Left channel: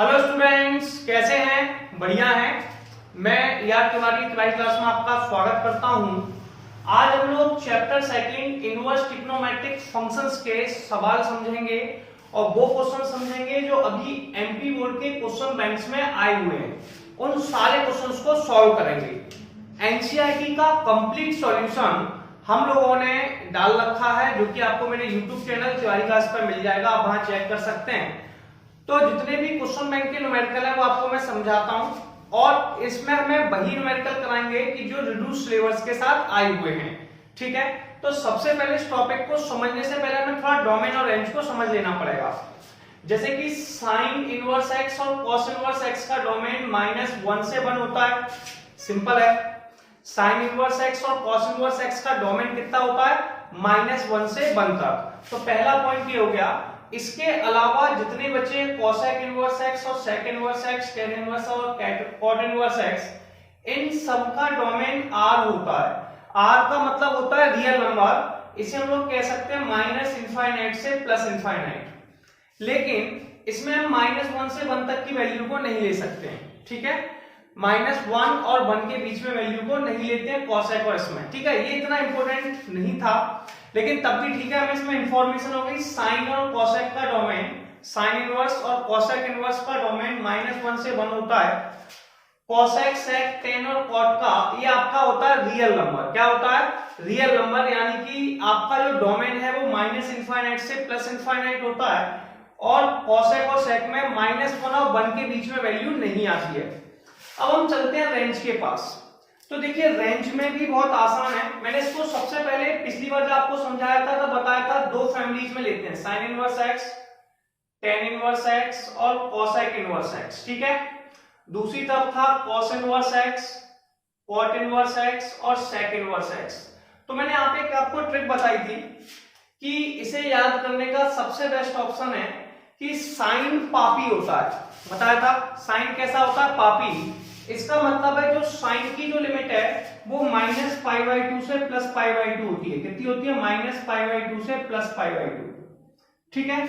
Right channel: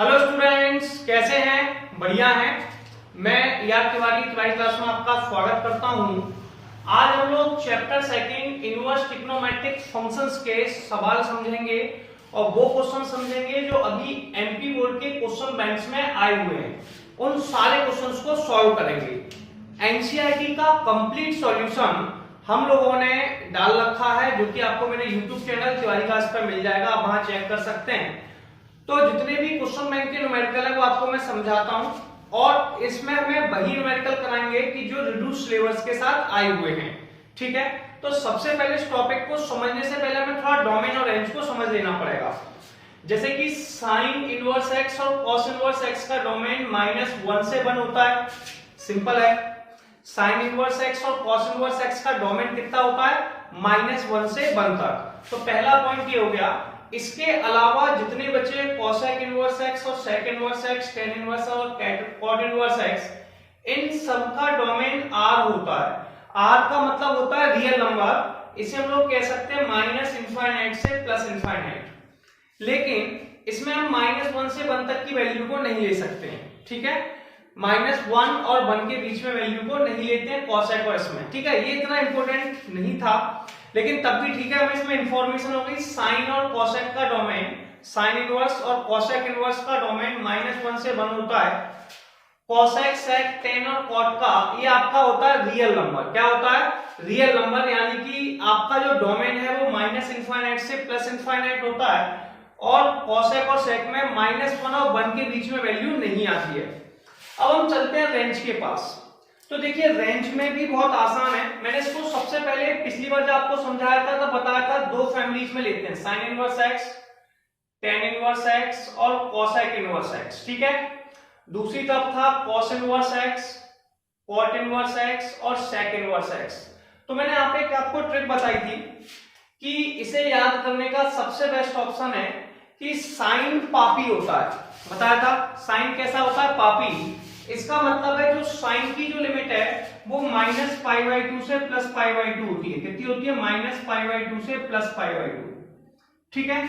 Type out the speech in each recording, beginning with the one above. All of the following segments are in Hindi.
हेलो स्टूडेंट्स, कैसे हैं? बढ़िया हैं। मैं यार तिवारी तिवारी क्लास में आपका स्वागत करता हूं। आज हम लोग chapter second inverse trigonometric functions के सवाल समझेंगे और वो क्वेश्चन समझेंगे जो अभी एमपी बोर्ड के क्वेश्चन बैंक्स में आए हुए हैं। उन सारे क्वेश्चंस को सॉल्व करेंगे। एनसीईआरटी का कंप्लीट सॉल्यूशन हम लोगों ने डाल रखा है, जो कि आपको मेरे यूट्यूब चैनल तिवारी क्लास पर मिल जाएगा, आप वहां चेक कर सकते हैं। तो जितने भी क्वेश्चन बैंक के न्यूमेरिकल है वो आपको मैं समझाता हूं, और इसमें हमें वही न्यूमेरिकल कराएंगे कि जो रिड्यूस सिलेबस के साथ आए हुए हैं। ठीक है, तो सबसे पहले इस टॉपिक को समझने से पहले हमें थोड़ा डोमेन और रेंज को समझ लेना पड़ेगा। जैसे कि साइन इनवर्स एक्स और कॉस इनवर्स एक्स का डोमेन -1 से 1 होता है। सिंपल है। साइन इनवर्स एक्स और कॉस इनवर्स एक्स का डोमेन कितना होता है? -1 से 1 तक। तो पहला पॉइंट ये हो गया। इसके अलावा जितने बचे कोसेक इनवर्स एक्स और sec inverse x, tan inverse और कॉट इनवर्स एक्स, इन सब का डोमेन r होता है। r का मतलब होता है रियल नंबर। इसे हम लोग कह सकते हैं -∞ से +∞। लेकिन इसमें हम -1 से 1 तक की वैल्यू को नहीं ले सकते हैं। ठीक है, -1 और 1 के बीच में वैल्यू को नहीं लेते हैं कोसेक और इसमें। ठीक है, ये इतना इंपॉर्टेंट नहीं था, लेकिन तब भी ठीक है, हमें इसमें इंफॉर्मेशन हो गई। साइन और कोसेक का डोमेन, साइन इनवर्स और कोसेक इनवर्स का डोमेन -1 से 1 होता है। कोसेक, सेक, टेन और कॉट का ये आपका होता है रियल नंबर। क्या होता है? Real number. यानी कि आपका जो डोमेन है वो -∞ से +∞ होता है, और कोसेक और सेक में -1 और 1 के बीच में वैल्यू नहीं आती है। अब हम चलते हैं रेंज के पास। तो देखिए, रेंज में भी बहुत आसान है। मैंने इसको सबसे पहले पिछली बार जब आपको समझाया था तो बताया था दो फैमिलीज में लेते हैं, sine inverse x, tan inverse x और कोसेक इनवर्स एक्स। ठीक है, दूसरी तरफ था cos inverse x, cot inverse x और सेक इनवर्स एक्स। तो मैंने यहाँ पे आपको ट्रिक बताई थी कि इसे याद करने का सबसे बेस्ट ऑप्शन है कि साइन पापी होता है। बताया था साइन कैसा होता है? पापी। इसका मतलब है जो साइन की जो लिमिट है वो -π/2 से +π/2 होती है। कितनी होती है? -π/2 से +π/2। ठीक है,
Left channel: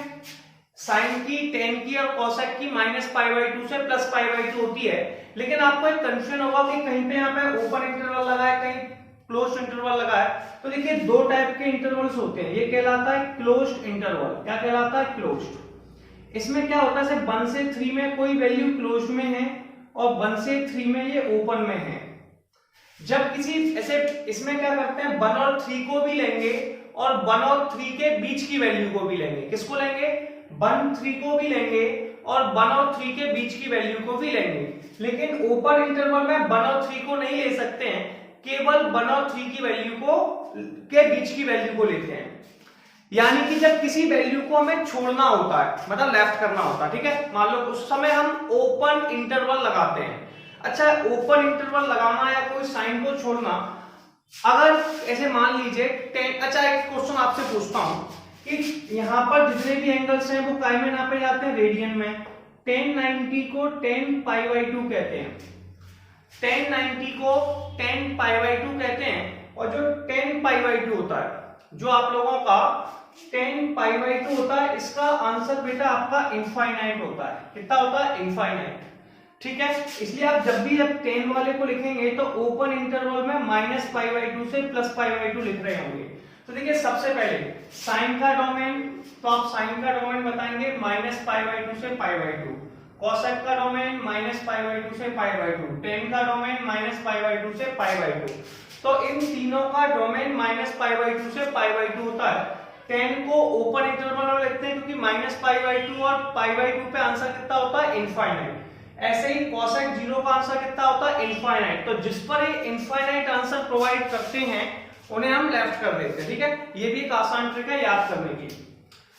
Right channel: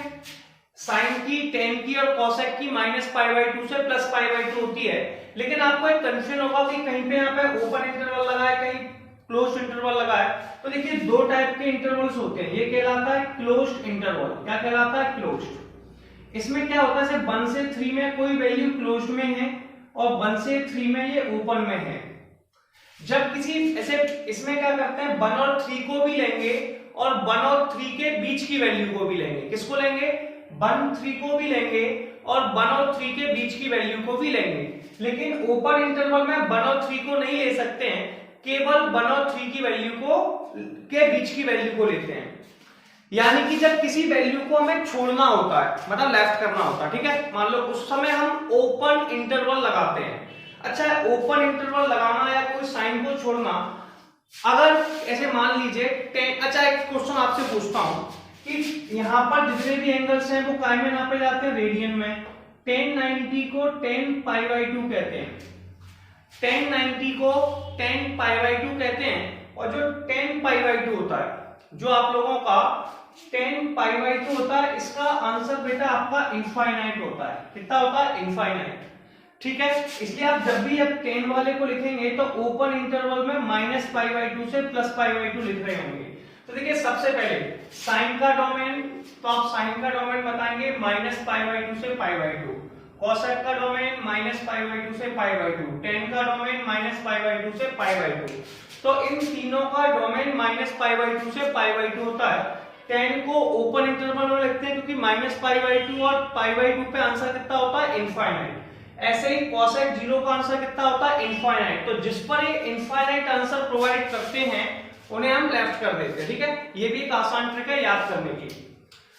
साइन की, टेन की और कोसेक की -π/2 से +π/2 होती है। लेकिन आपको एक कंफ्यूजन होगा कि कहीं पे यहाँ पे ओपन इंटरवल लगा है, कहीं क्लोज इंटरवल लगा है। तो देखिए, दो टाइप के इंटरवल्स होते हैं। ये कहलाता है क्लोज इंटरवल। क्या कहलाता है? क्लोज। इसमें क्या होता है, जैसे 1 से 3 में कोई वैल्यू क्लोज में है और 1 से 3 में ये ओपन में है। जब किसी ऐसे, इसमें क्या करते हैं, 1 और 3 को भी लेंगे और 1 और 3 के बीच की वैल्यू को भी लेंगे। किसको लेंगे? 1 3 को भी लेंगे और 1 और 3 के बीच की वैल्यू को भी लेंगे। लेकिन ओपन इंटरवल में 1 और 3 को नहीं ले सकते हैं, केवल 1 और 3 की वैल्यू को के बीच की वैल्यू को लेते हैं। यानी कि जब किसी वैल्यू को हमें छोड़ना होता है, मतलब लेफ्ट करना होता है, ठीक है, मान लो उस समय हम ओपन इंटरवल लगाते हैं। अच्छा, ओपन इंटरवल लगाना या कोई साइन को छोड़ना, अगर ऐसे मान लीजिए 10, अच्छा एक क्वेश्चन आपसे पूछता हूं कि यहाँ पर जितने भी एंगल्स हैं वो काय में नापे जाते हैं? रेडियन में। 1090 को 10π/2 कहते हैं, 1090 को 10π/2 कहते हैं। और जो 10π/2 होता है, जो आप लोगों का 10π/2 होता है, इसका आंसर बेटा आपका इनफाइनाइट होता है। कितना होता है? इनफाइनाइट। ठीक है, इसलिए आप जब भी 10 वाले को लिखेंगे तो ओपन इंटरवल में -π/2 से +π/2 लिख रहे होंगे। तो देखिए, सबसे पहले साइन का डोमेन, तो आप साइन का डोमेन बताएंगे -π/2 से π/2, कोसेक का डोमेन -π/2 से π/2, टेन का डोमेन -π/2 से π/2। तो इन तीनों का डोमेन -π/2 से π/2 होता है। 10 को ओपन इंटरवल में लिखते हैं क्योंकि -π/2 और π/2 पे आंसर कितना होता है? इनफाइनाइट। ऐसे ही कोसेक 0 का आंसर कितना होता है? इनफाइनाइट। तो जिस पर ये इनफाइनाइट आंसर प्रोवाइड करते हैं उन्हें हम लेफ्ट कर देते हैं। ठीक है, ये भी एक आसान ट्रिक है याद करने की।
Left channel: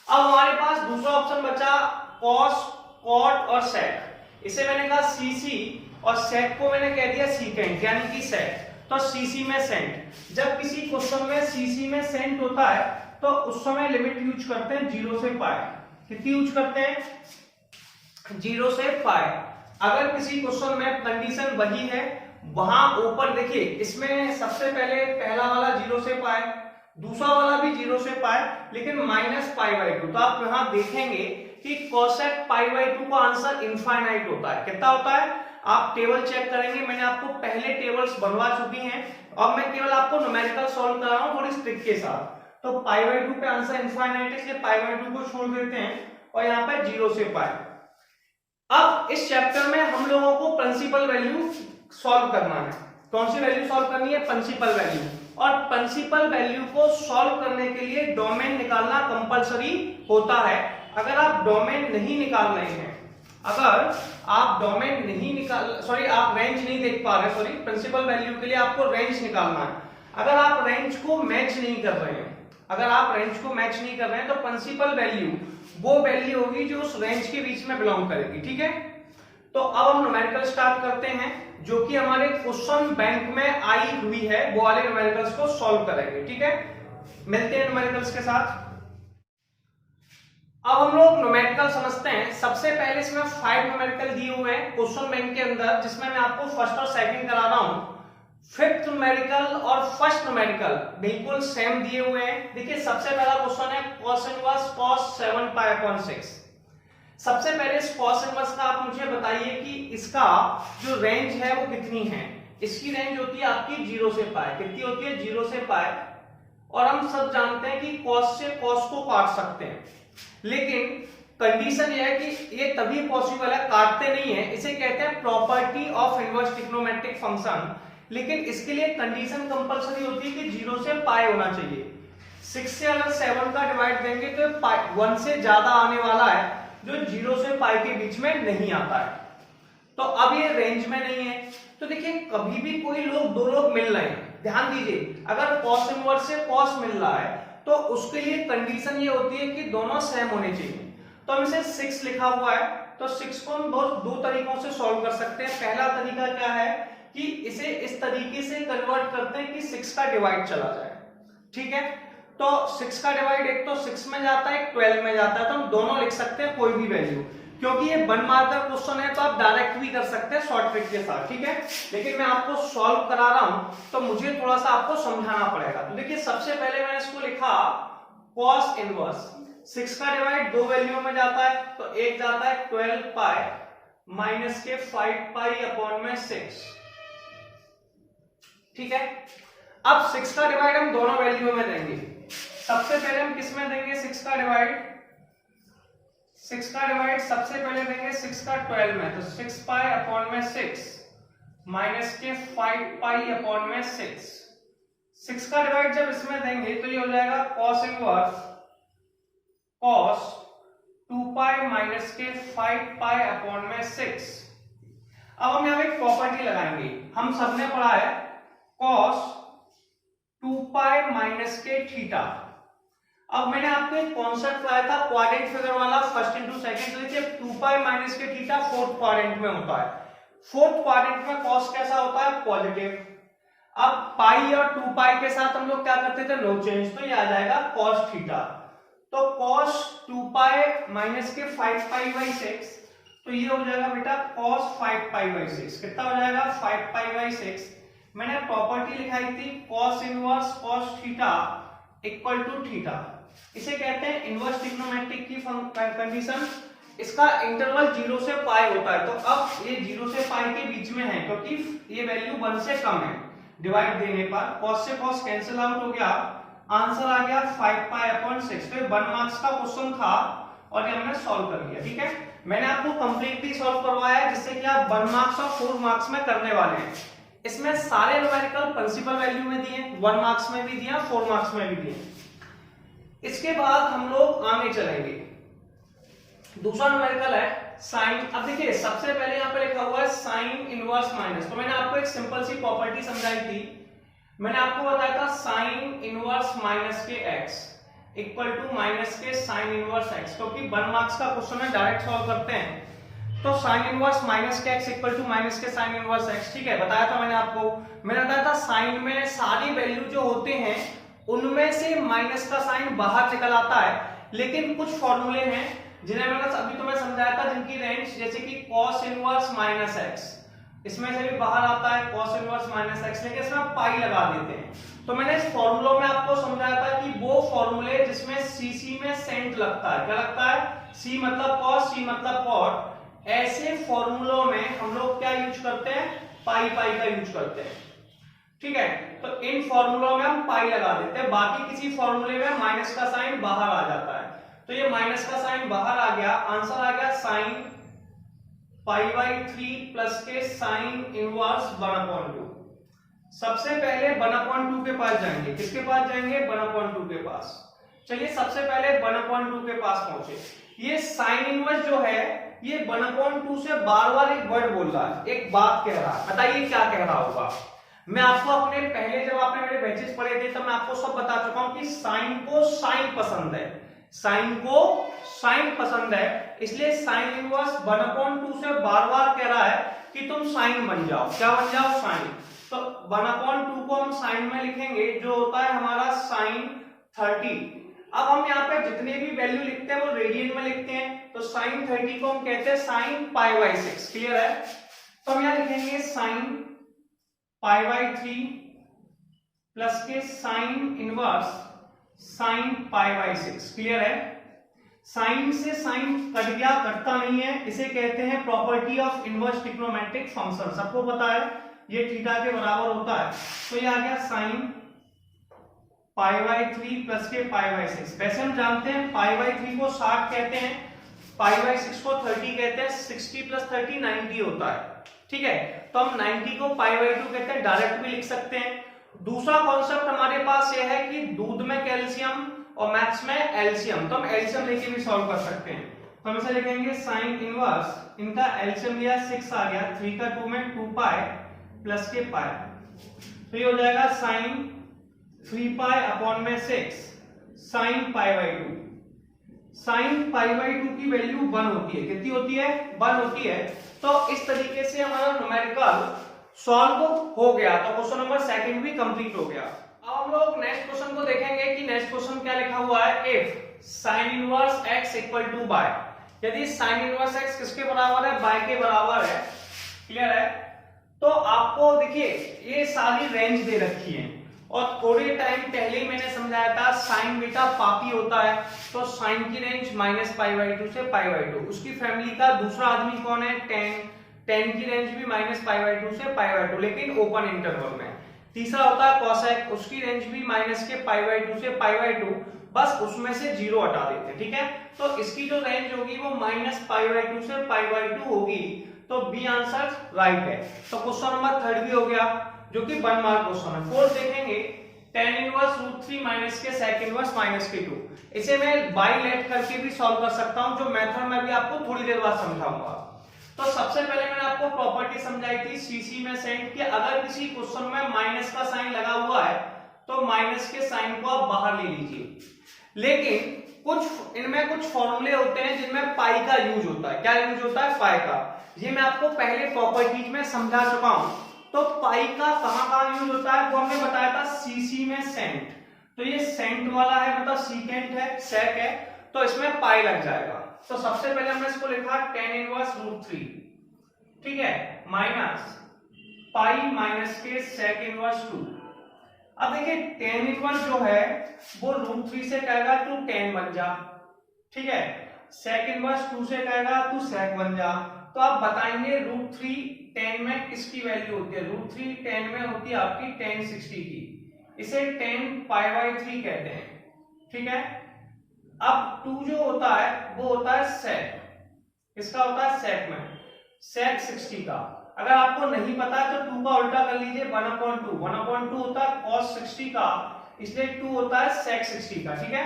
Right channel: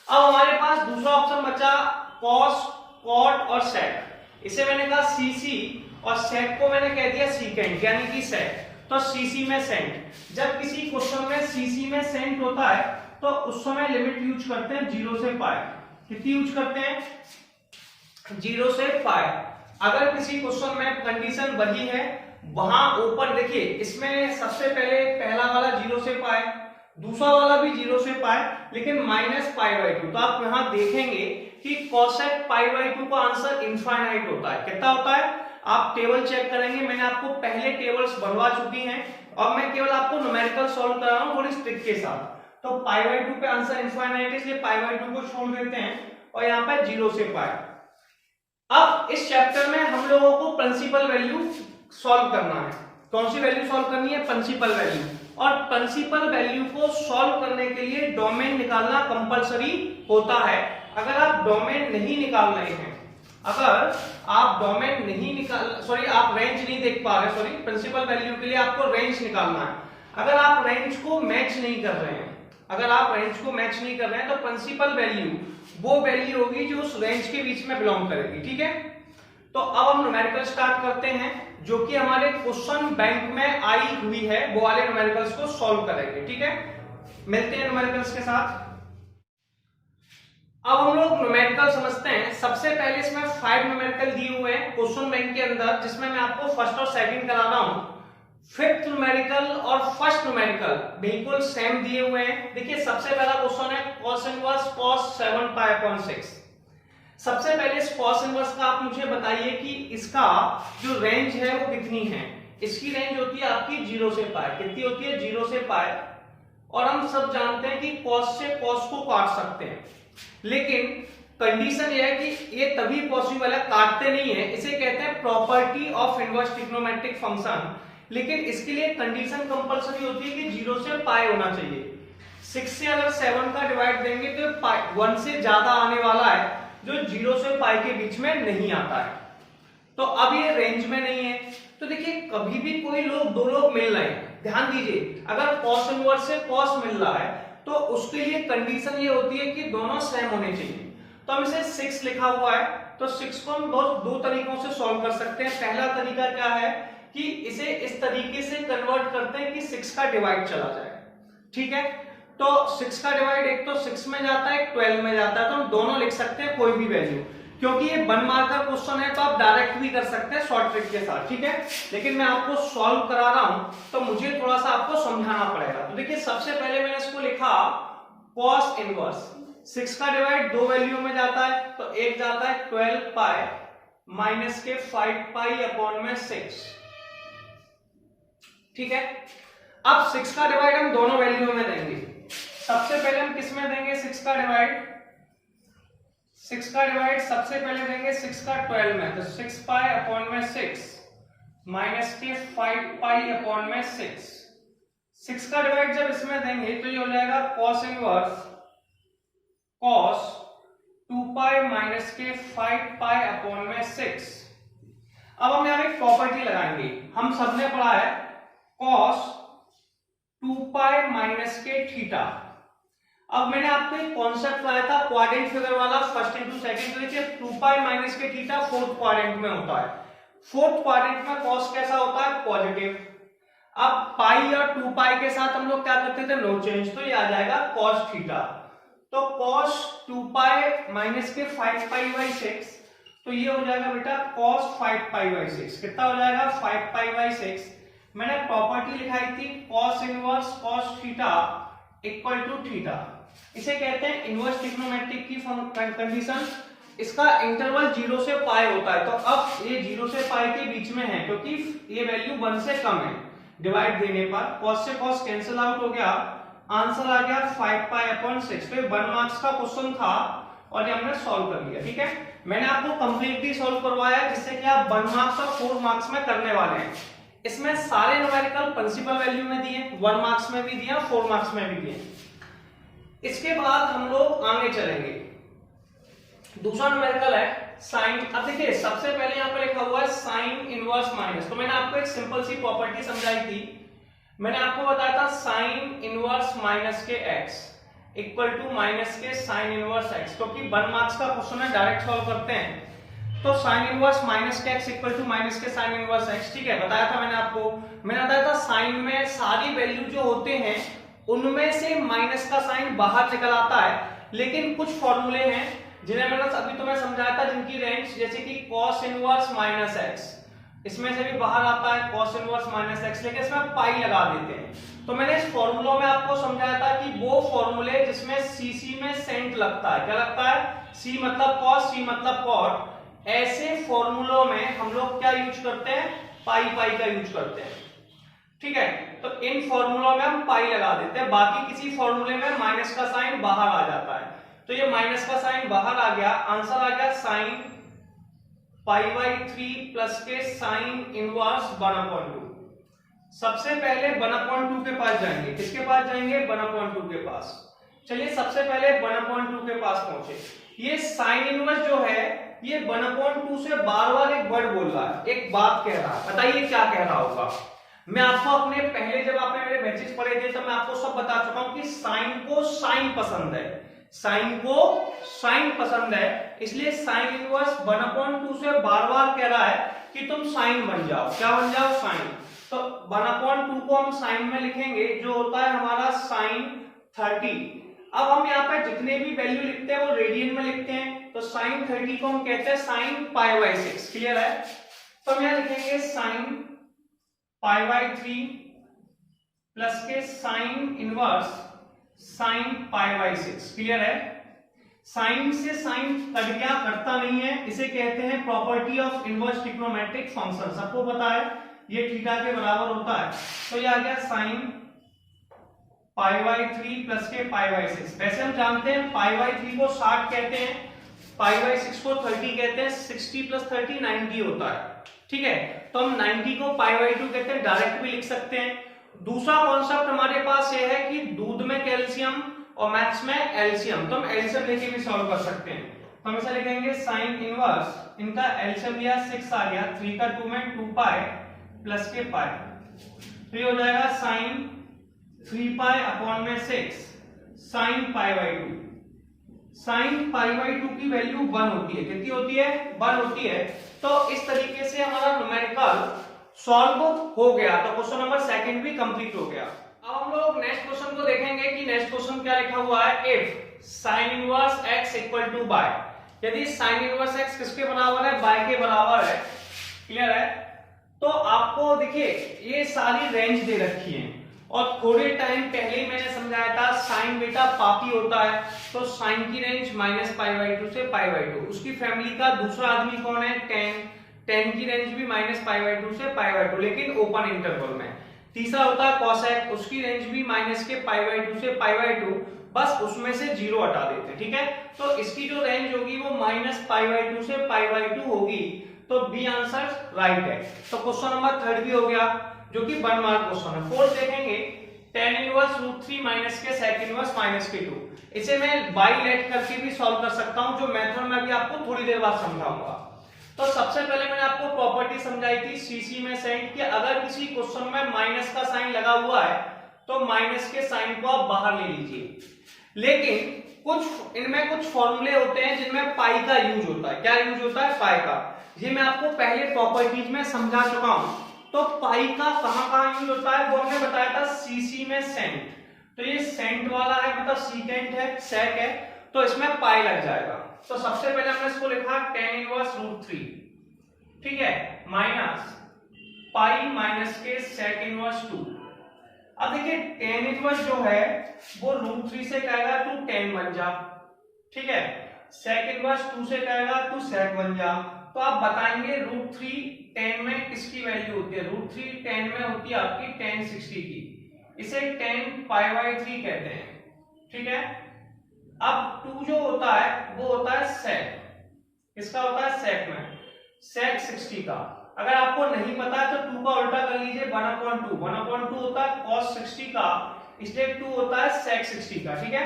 अब हमारे पास दूसरा ऑप्शन बचा कॉस, कॉट और सेक। इसे मैंने कहा सीसी और सेक को मैंने कह दिया सीकेंट, यानी कि सेक। तो सीसी में सेंट, जब किसी क्वेश्चन में सीसी में सेंट होता है तो उस समय लिमिट यूज करते हैं 0 से π। कितनी यूज करते हैं? 0 से π। अगर किसी क्वेश्चन में कंडीशन वही है, वहां ओपन, देखिए इसमें सबसे पहले पहला वाला 0 से π, दूसरा वाला भी 0 से π, लेकिन -π/2। तो आप यहां देखेंगे कि कोसेक पाई बाई 2 का आंसर इनफाइनाइट होता है। कितना होता है? आप टेबल चेक करेंगे, मैंने आपको पहले टेबल्स बनवा चुकी हैं और मैं केवल आपको न्यूमेरिकल सॉल्व करा रहा हूं थोड़ी ट्रिक के साथ। तो पाई बाई 2 पे आंसर इनफाइनाइट है, इसलिए पाई बाई 2 को छोड़ देते हैं और यहाँ पे 0 से पाई। अब इस चैप्टर में हम लोगों को प्रिंसिपल वैल्यू सॉल्व करना है। कौन सी वैल्यू सॉल्व करनी है? Principal value. और प्रिंसिपल वैल्यू को सॉल्व करने के लिए डोमेन निकालना कंपलसरी होता है। अगर आप डोमेन नहीं निकाल रहे हैं, अगर आप डोमेन नहीं निकाल आप रेंज नहीं देख पा रहे, प्रिंसिपल वैल्यू के लिए आपको रेंज निकालना है। अगर आप रेंज को मैच नहीं कर रहे हैं, तो प्रिंसिपल वैल्यू वो वैल्यू होगी जो उस रेंज के बीच में बिलोंग करेगी। ठीक है, तो अब हम न्यूमेरिकल स्टार्ट करते हैं, जो कि हमारे क्वेश्चन बैंक में आई हुई है, वो वाले न्यूमेरिकल्स को सॉल्व करेंगे। ठीक है, मिलते हैं न्यूमेरिकल्स के साथ। अब हम लोग न्यूमेरिकल समझते हैं। सबसे पहले इसमें 5 न्यूमेरिकल दिए हुए हैं क्वेश्चन बैंक के अंदर, जिसमें मैं आपको फर्स्ट और सेकंड करा रहा हूं। फिफ्थ न्यूमेरिकल और फर्स्ट न्यूमेरिकल बिल्कुल सेम दिए हुए हैं। देखिए, सबसे पहला क्वेश्चन है cos inverse cos 7 pi upon 6। सबसे पहले इस cos इनवर्स का आप मुझे बताइए कि इसका जो रेंज है वो कितनी है। इसकी रेंज होती है आपकी 0 से पाई। कितनी होती है? 0 से पाई। और हम सब जानते हैं कि cos से cos को काट सकते हैं, लेकिन कंडीशन यह है कि ये तभी पॉसिबल है, काटते नहीं है। इसे कहते हैं property of inverse trigonometric function. लेकिन इसके लिए कंडीशन कंपलसरी होती है कि 0 से पाई होना चाहिए। 6 से अगर 7 का डिवाइड देंगे तो 1 से ज्यादा आने वाला है, जो 0 से पाई के बीच में नहीं आता है। तो अब ये रेंज में नहीं है। तो देखिए, कभी भी कोई दो लोग मिल रहे हैं, ध्यान दीजिए, अगर cos इनवर्स से cos मिल रहा है तो उसके लिए कंडीशन ये होती है कि दोनों सेम होने चाहिए। तो हम इसे 6 लिखा हुआ है, तो 6 को हम दो तरीकों से सॉल्व कर सकते हैं। पहला तरीका क्या है कि इसे इस तरीके से कन्वर्ट करते हैं कि 6 का डिवाइड चला जाए। ठीक है, तो 6 का डिवाइड एक तो 6 में जाता है, एक 12 में जाता है, तो हम दोनों लिख सकते हैं कोई भी वैल्यू। क्योंकि ये 1 मार्कर क्वेश्चन है तो आप डायरेक्ट भी कर सकते हैं शॉर्ट ट्रिक के साथ। ठीक है, लेकिन मैं आपको सॉल्व करा रहा हूं तो मुझे थोड़ा सा आपको समझाना पड़ेगा। तो देखिए, सबसे पहले मैंने इसको लिखा cos इनवर्स। 6 का डिवाइड दो वैल्यू में जाता है, तो एक जाता है 12 पाई माइनस के 5 पाई अपॉन में 6। ठीक है, अब 6 का डिवाइड हम दोनों वैल्यू में देंगे। सबसे पहले हम किस में देंगे 6 का डिवाइड? 6 का डिवाइड सबसे पहले देंगे 6 का 12 में, तो 6 पाई अपॉन में 6 माइनस के 5 पाई अपॉन में 6। 6 का डिवाइड जब इसमें देंगे तो ये हो जाएगा cos inverse cos 2 pi minus के 5 पाई अपॉन में 6। अब हम यहाँ एक प्रॉपर्टी लगाएंगे। हम सबने पढ़ा है cos 2 पाई माइनस के थीटा। अब मैंने आपको एक कॉन्सेप्ट पढ़ाया था क्वाड्रेंट फिगर वाला, फर्स्ट इंटू सेकंड। तो देखिए, 2 पाई माइनस के थीटा फोर्थ क्वाड्रेंट में होता है। फोर्थ क्वाड्रेंट में cos कैसा होता है? पॉजिटिव। अब पाई और 2 पाई के साथ हम लोग क्या करते थे? No change. तो ये आ जाएगा cos थीटा। तो cos 2 पाई माइनस के 5 पाई बाई 6, तो ये हो जाएगा बेटा cos 5 पाई बाई 6। कितना हो जाएगा? 5 पाई बाई 6। मैंने प्रॉपर्टी लिखाई थी cos inverse cos theta equal to theta. इसे कहते हैं इनवर्स ट्रिग्नोमेट्रिक की कंडीशन। इसका इंटरवल 0 से पाई होता है। तो अब ये 0 से पाई के बीच में है, क्योंकि ये वैल्यू 1 से कम है। डिवाइड देने पर cos से cos कैंसिल आउट हो गया, आंसर आ गया 5 पाई अपॉन 6। तो 1 मार्क्स का क्वेश्चन था और ये हमने सॉल्व कर लिया। ठीक है, मैंने आपको कंप्लीटली सॉल्व करवाया है, जिससे कि आप 1 मार्क्स और 4 मार्क्स में करने वाले हैं। इसमें सारे न्यूमेरिकल प्रिंसिपल वैल्यू में दिए, 1 मार्क्स में भी दिया, 4 मार्क्स में भी दिए। इसके बाद हम लोग आगे चलेंगे। दूसरा न्यूमेरिकल है साइन। अब देखिए, सबसे पहले यहाँ पर लिखा हुआ है साइन इनवर्स माइनस। तो मैंने आपको एक सिंपल सी प्रॉपर्टी समझाई थी। मैंने आपको बताया था साइन इनवर्स माइनस के x इक्वल टू माइनस के साइन इनवर्स x। क्योंकि 1 मार्क्स का क्वेश्चन है, डायरेक्ट सॉल्व करते हैं। तो साइन इनवर्स माइनस के x इक्वल टू माइनस के साइन इनवर्स x। ठीक है, बताया था मैंने आपको। मैंने बताया था साइन में सारी वैल्यू जो होते हैं उनमें से माइनस का साइन बाहर निकल आता है, लेकिन कुछ फॉर्मूले हैं जिन्हें मैंने अभी तुम्हें समझाया था, जिनकी रेंज जैसे कि cos इनवर्स माइनस x, इसमें से भी बाहर आता है cos इनवर्स माइनस x, लेकिन इसमें पाई लगा देते हैं। तो मैंने इस फॉर्मूलों में आपको समझाया था कि वो फॉर्मूले जिसमें cc में सेंट लगता है, क्या लगता है? सी मतलब कॉस, सी मतलब कॉट। ऐसे फॉर्मूलों में हम लोग क्या यूज करते हैं, पाई पाई का यूज करते हैं। ठीक है, तो इन फॉर्मूलों में हम पाई लगा देते हैं, बाकी किसी फॉर्मूले में माइनस का साइन बाहर आ जाता है। तो ये माइनस का साइन बाहर आ गया, आंसर आ गया साइन पाई/3 प्लस के साइन इनवर्स 1/2। सबसे पहले 1/2 के पास जाएंगे, किसके पास जाएंगे, 1/2 के पास। चलिए सबसे पहले 1/2 के पास पहुंचे। ये साइन इनवर्स जो है ये 1/2 से बार बार एक वर्ड बोल रहा है, एक बात कह रहा है, बताइए क्या कह रहा होगा। मैं आपको अपने पहले जब आपने मेरे बैचेस पढ़े थे तो मैं आपको सब बता चुका हूं कि साइन को साइन पसंद है, साइन को साइन पसंद है, इसलिए साइन इनवर्स 1/2 से बार बार कह रहा है कि तुम साइन बन जाओ। क्या बन जाओ, साइन। तो 1/2 को हम साइन में लिखेंगे जो होता है हमारा साइन 30। अब हम यहाँ पे जितने भी वैल्यू लिखते हैं वो रेडियन में लिखते हैं, तो साइन 30 को हम कहते हैं साइन पाई/6। क्लियर है, तो हम यहाँ लिखेंगे साइन पाई/3 प्लस के साइन इनवर्स साइन पाई/6। क्लियर है, साइन से साइन कट गया, कटता नहीं है, इसे कहते हैं property of inverse trigonometric function. सबको पता है ये थीटा के बराबर होता है, तो ये आ गया साइन पाई/3 प्लस के पाई/6। वैसे हम जानते हैं पाई/3 को 60 कहते हैं, पाई/6 को 30 कहते हैं, 60 प्लस 30 90 होता है। ठीक है, तो हम 90 को पाई/2 कहते हैं, डायरेक्ट भी लिख सकते हैं। दूसरा कॉन्सेप्ट हमारे पास ये है कि दूध में कैल्शियम और मैथ्स में एलसीएम, तो हम एलसीएम लेके भी सॉल्व कर सकते हैं। तो हम इसे लिखेंगे साइन इनवर्स, इनका एलसीएम लिया 6 आ गया, 3 का 2 में 2 पाई प्लस के पाई, तो ये हो जाएगा साइन 3 पाई अपॉन में 6 साइन पाई/2। साइन पाई/2 की वैल्यू 1 होती है, कितनी होती है, 1 होती है। तो इस तरीके से हमारा न्यूमेरिकल सॉल्व हो गया, तो क्वेश्चन नंबर 2 भी कंप्लीट हो गया। अब हम लोग नेक्स्ट क्वेश्चन को देखेंगे कि नेक्स्ट क्वेश्चन क्या लिखा हुआ है। If sine inverse x equal to y, यदि साइन इनवर्स x किसके बराबर है, बाय के बराबर है। क्लियर है, तो आपको देखिए ये सारी रेंज दे रखी है और थोड़े टाइम पहले ही मैंने समझाया था साइन बेटा पापी होता है, तो साइन की रेंज -पाई/2 से पाई/2। उसकी फैमिली का दूसरा आदमी कौन है, टेन, टेन की रेंज भी -पाई/2 से पाई/2 लेकिन ओपन इंटरवल में। तीसरा होता है कॉसेक, उसकी रेंज भी माइनस के पाई/2 से पाई/2, बस उसमें से 0 हटा देते हैं। ठीक है, तो इसकी जो रेंज होगी वो -पाई/2 से पाई/2 होगी, तो बी आंसर राइट है। तो क्वेश्चन नंबर 3 भी हो गया, जो कि 1 मार्क क्वेश्चन है। 4 देखेंगे tan इनवर्स √3 माइनस के sec इनवर्स -2। इसे मैं बाई लेट करके भी सॉल्व कर सकता हूं, जो मेथड मैं भी आपको थोड़ी देर बाद समझाऊंगा। तो सबसे पहले मैंने आपको प्रॉपर्टी समझाई थी सीसी में सेंट कि अगर किसी क्वेश्चन में माइनस का साइन लगा हुआ है तो माइनस के साइन को आप बाहर ले लीजिए। लेकिन कुछ इनमें कुछ फॉर्मूले होते हैं जिनमें पाई का यूज होता है। क्या यूज होता है, पाई का। ये मैं आपको पहले प्रॉपर्टीज में समझा चुका हूं। तो पाई का कहां यूज होता है वो हमने बताया था सीसी में सेंट। तो ये सेंट वाला है, मतलब सीकेंट है, सेक है, तो इसमें पाई लग जाएगा। तो सबसे पहले हमने इसको लिखा tan इनवर्स √3, ठीक है, माइनस पाई माइनस के sec इनवर्स 2। अब देखिए tan इनवर्स जो है वो √3 से कहेगा तू tan बन जा, ठीक है, sec इनवर्स 2 से कहेगा तू sec बन जा। तो आप बताएंगे √3 tan में किसकी वैल्यू होती है, √3 tan में होती है आपकी tan 60 की, इसे tan पाई/3 कहते हैं। ठीक है, अब 2 जो होता है वो होता है sec, इसका होता है sec में, sec 60 का। अगर आपको नहीं पता है तो 2 का उल्टा कर लीजिए, 1/2, 1/2 होता है cos 60 का, इसलिए 2 होता है sec 60 का। ठीक है,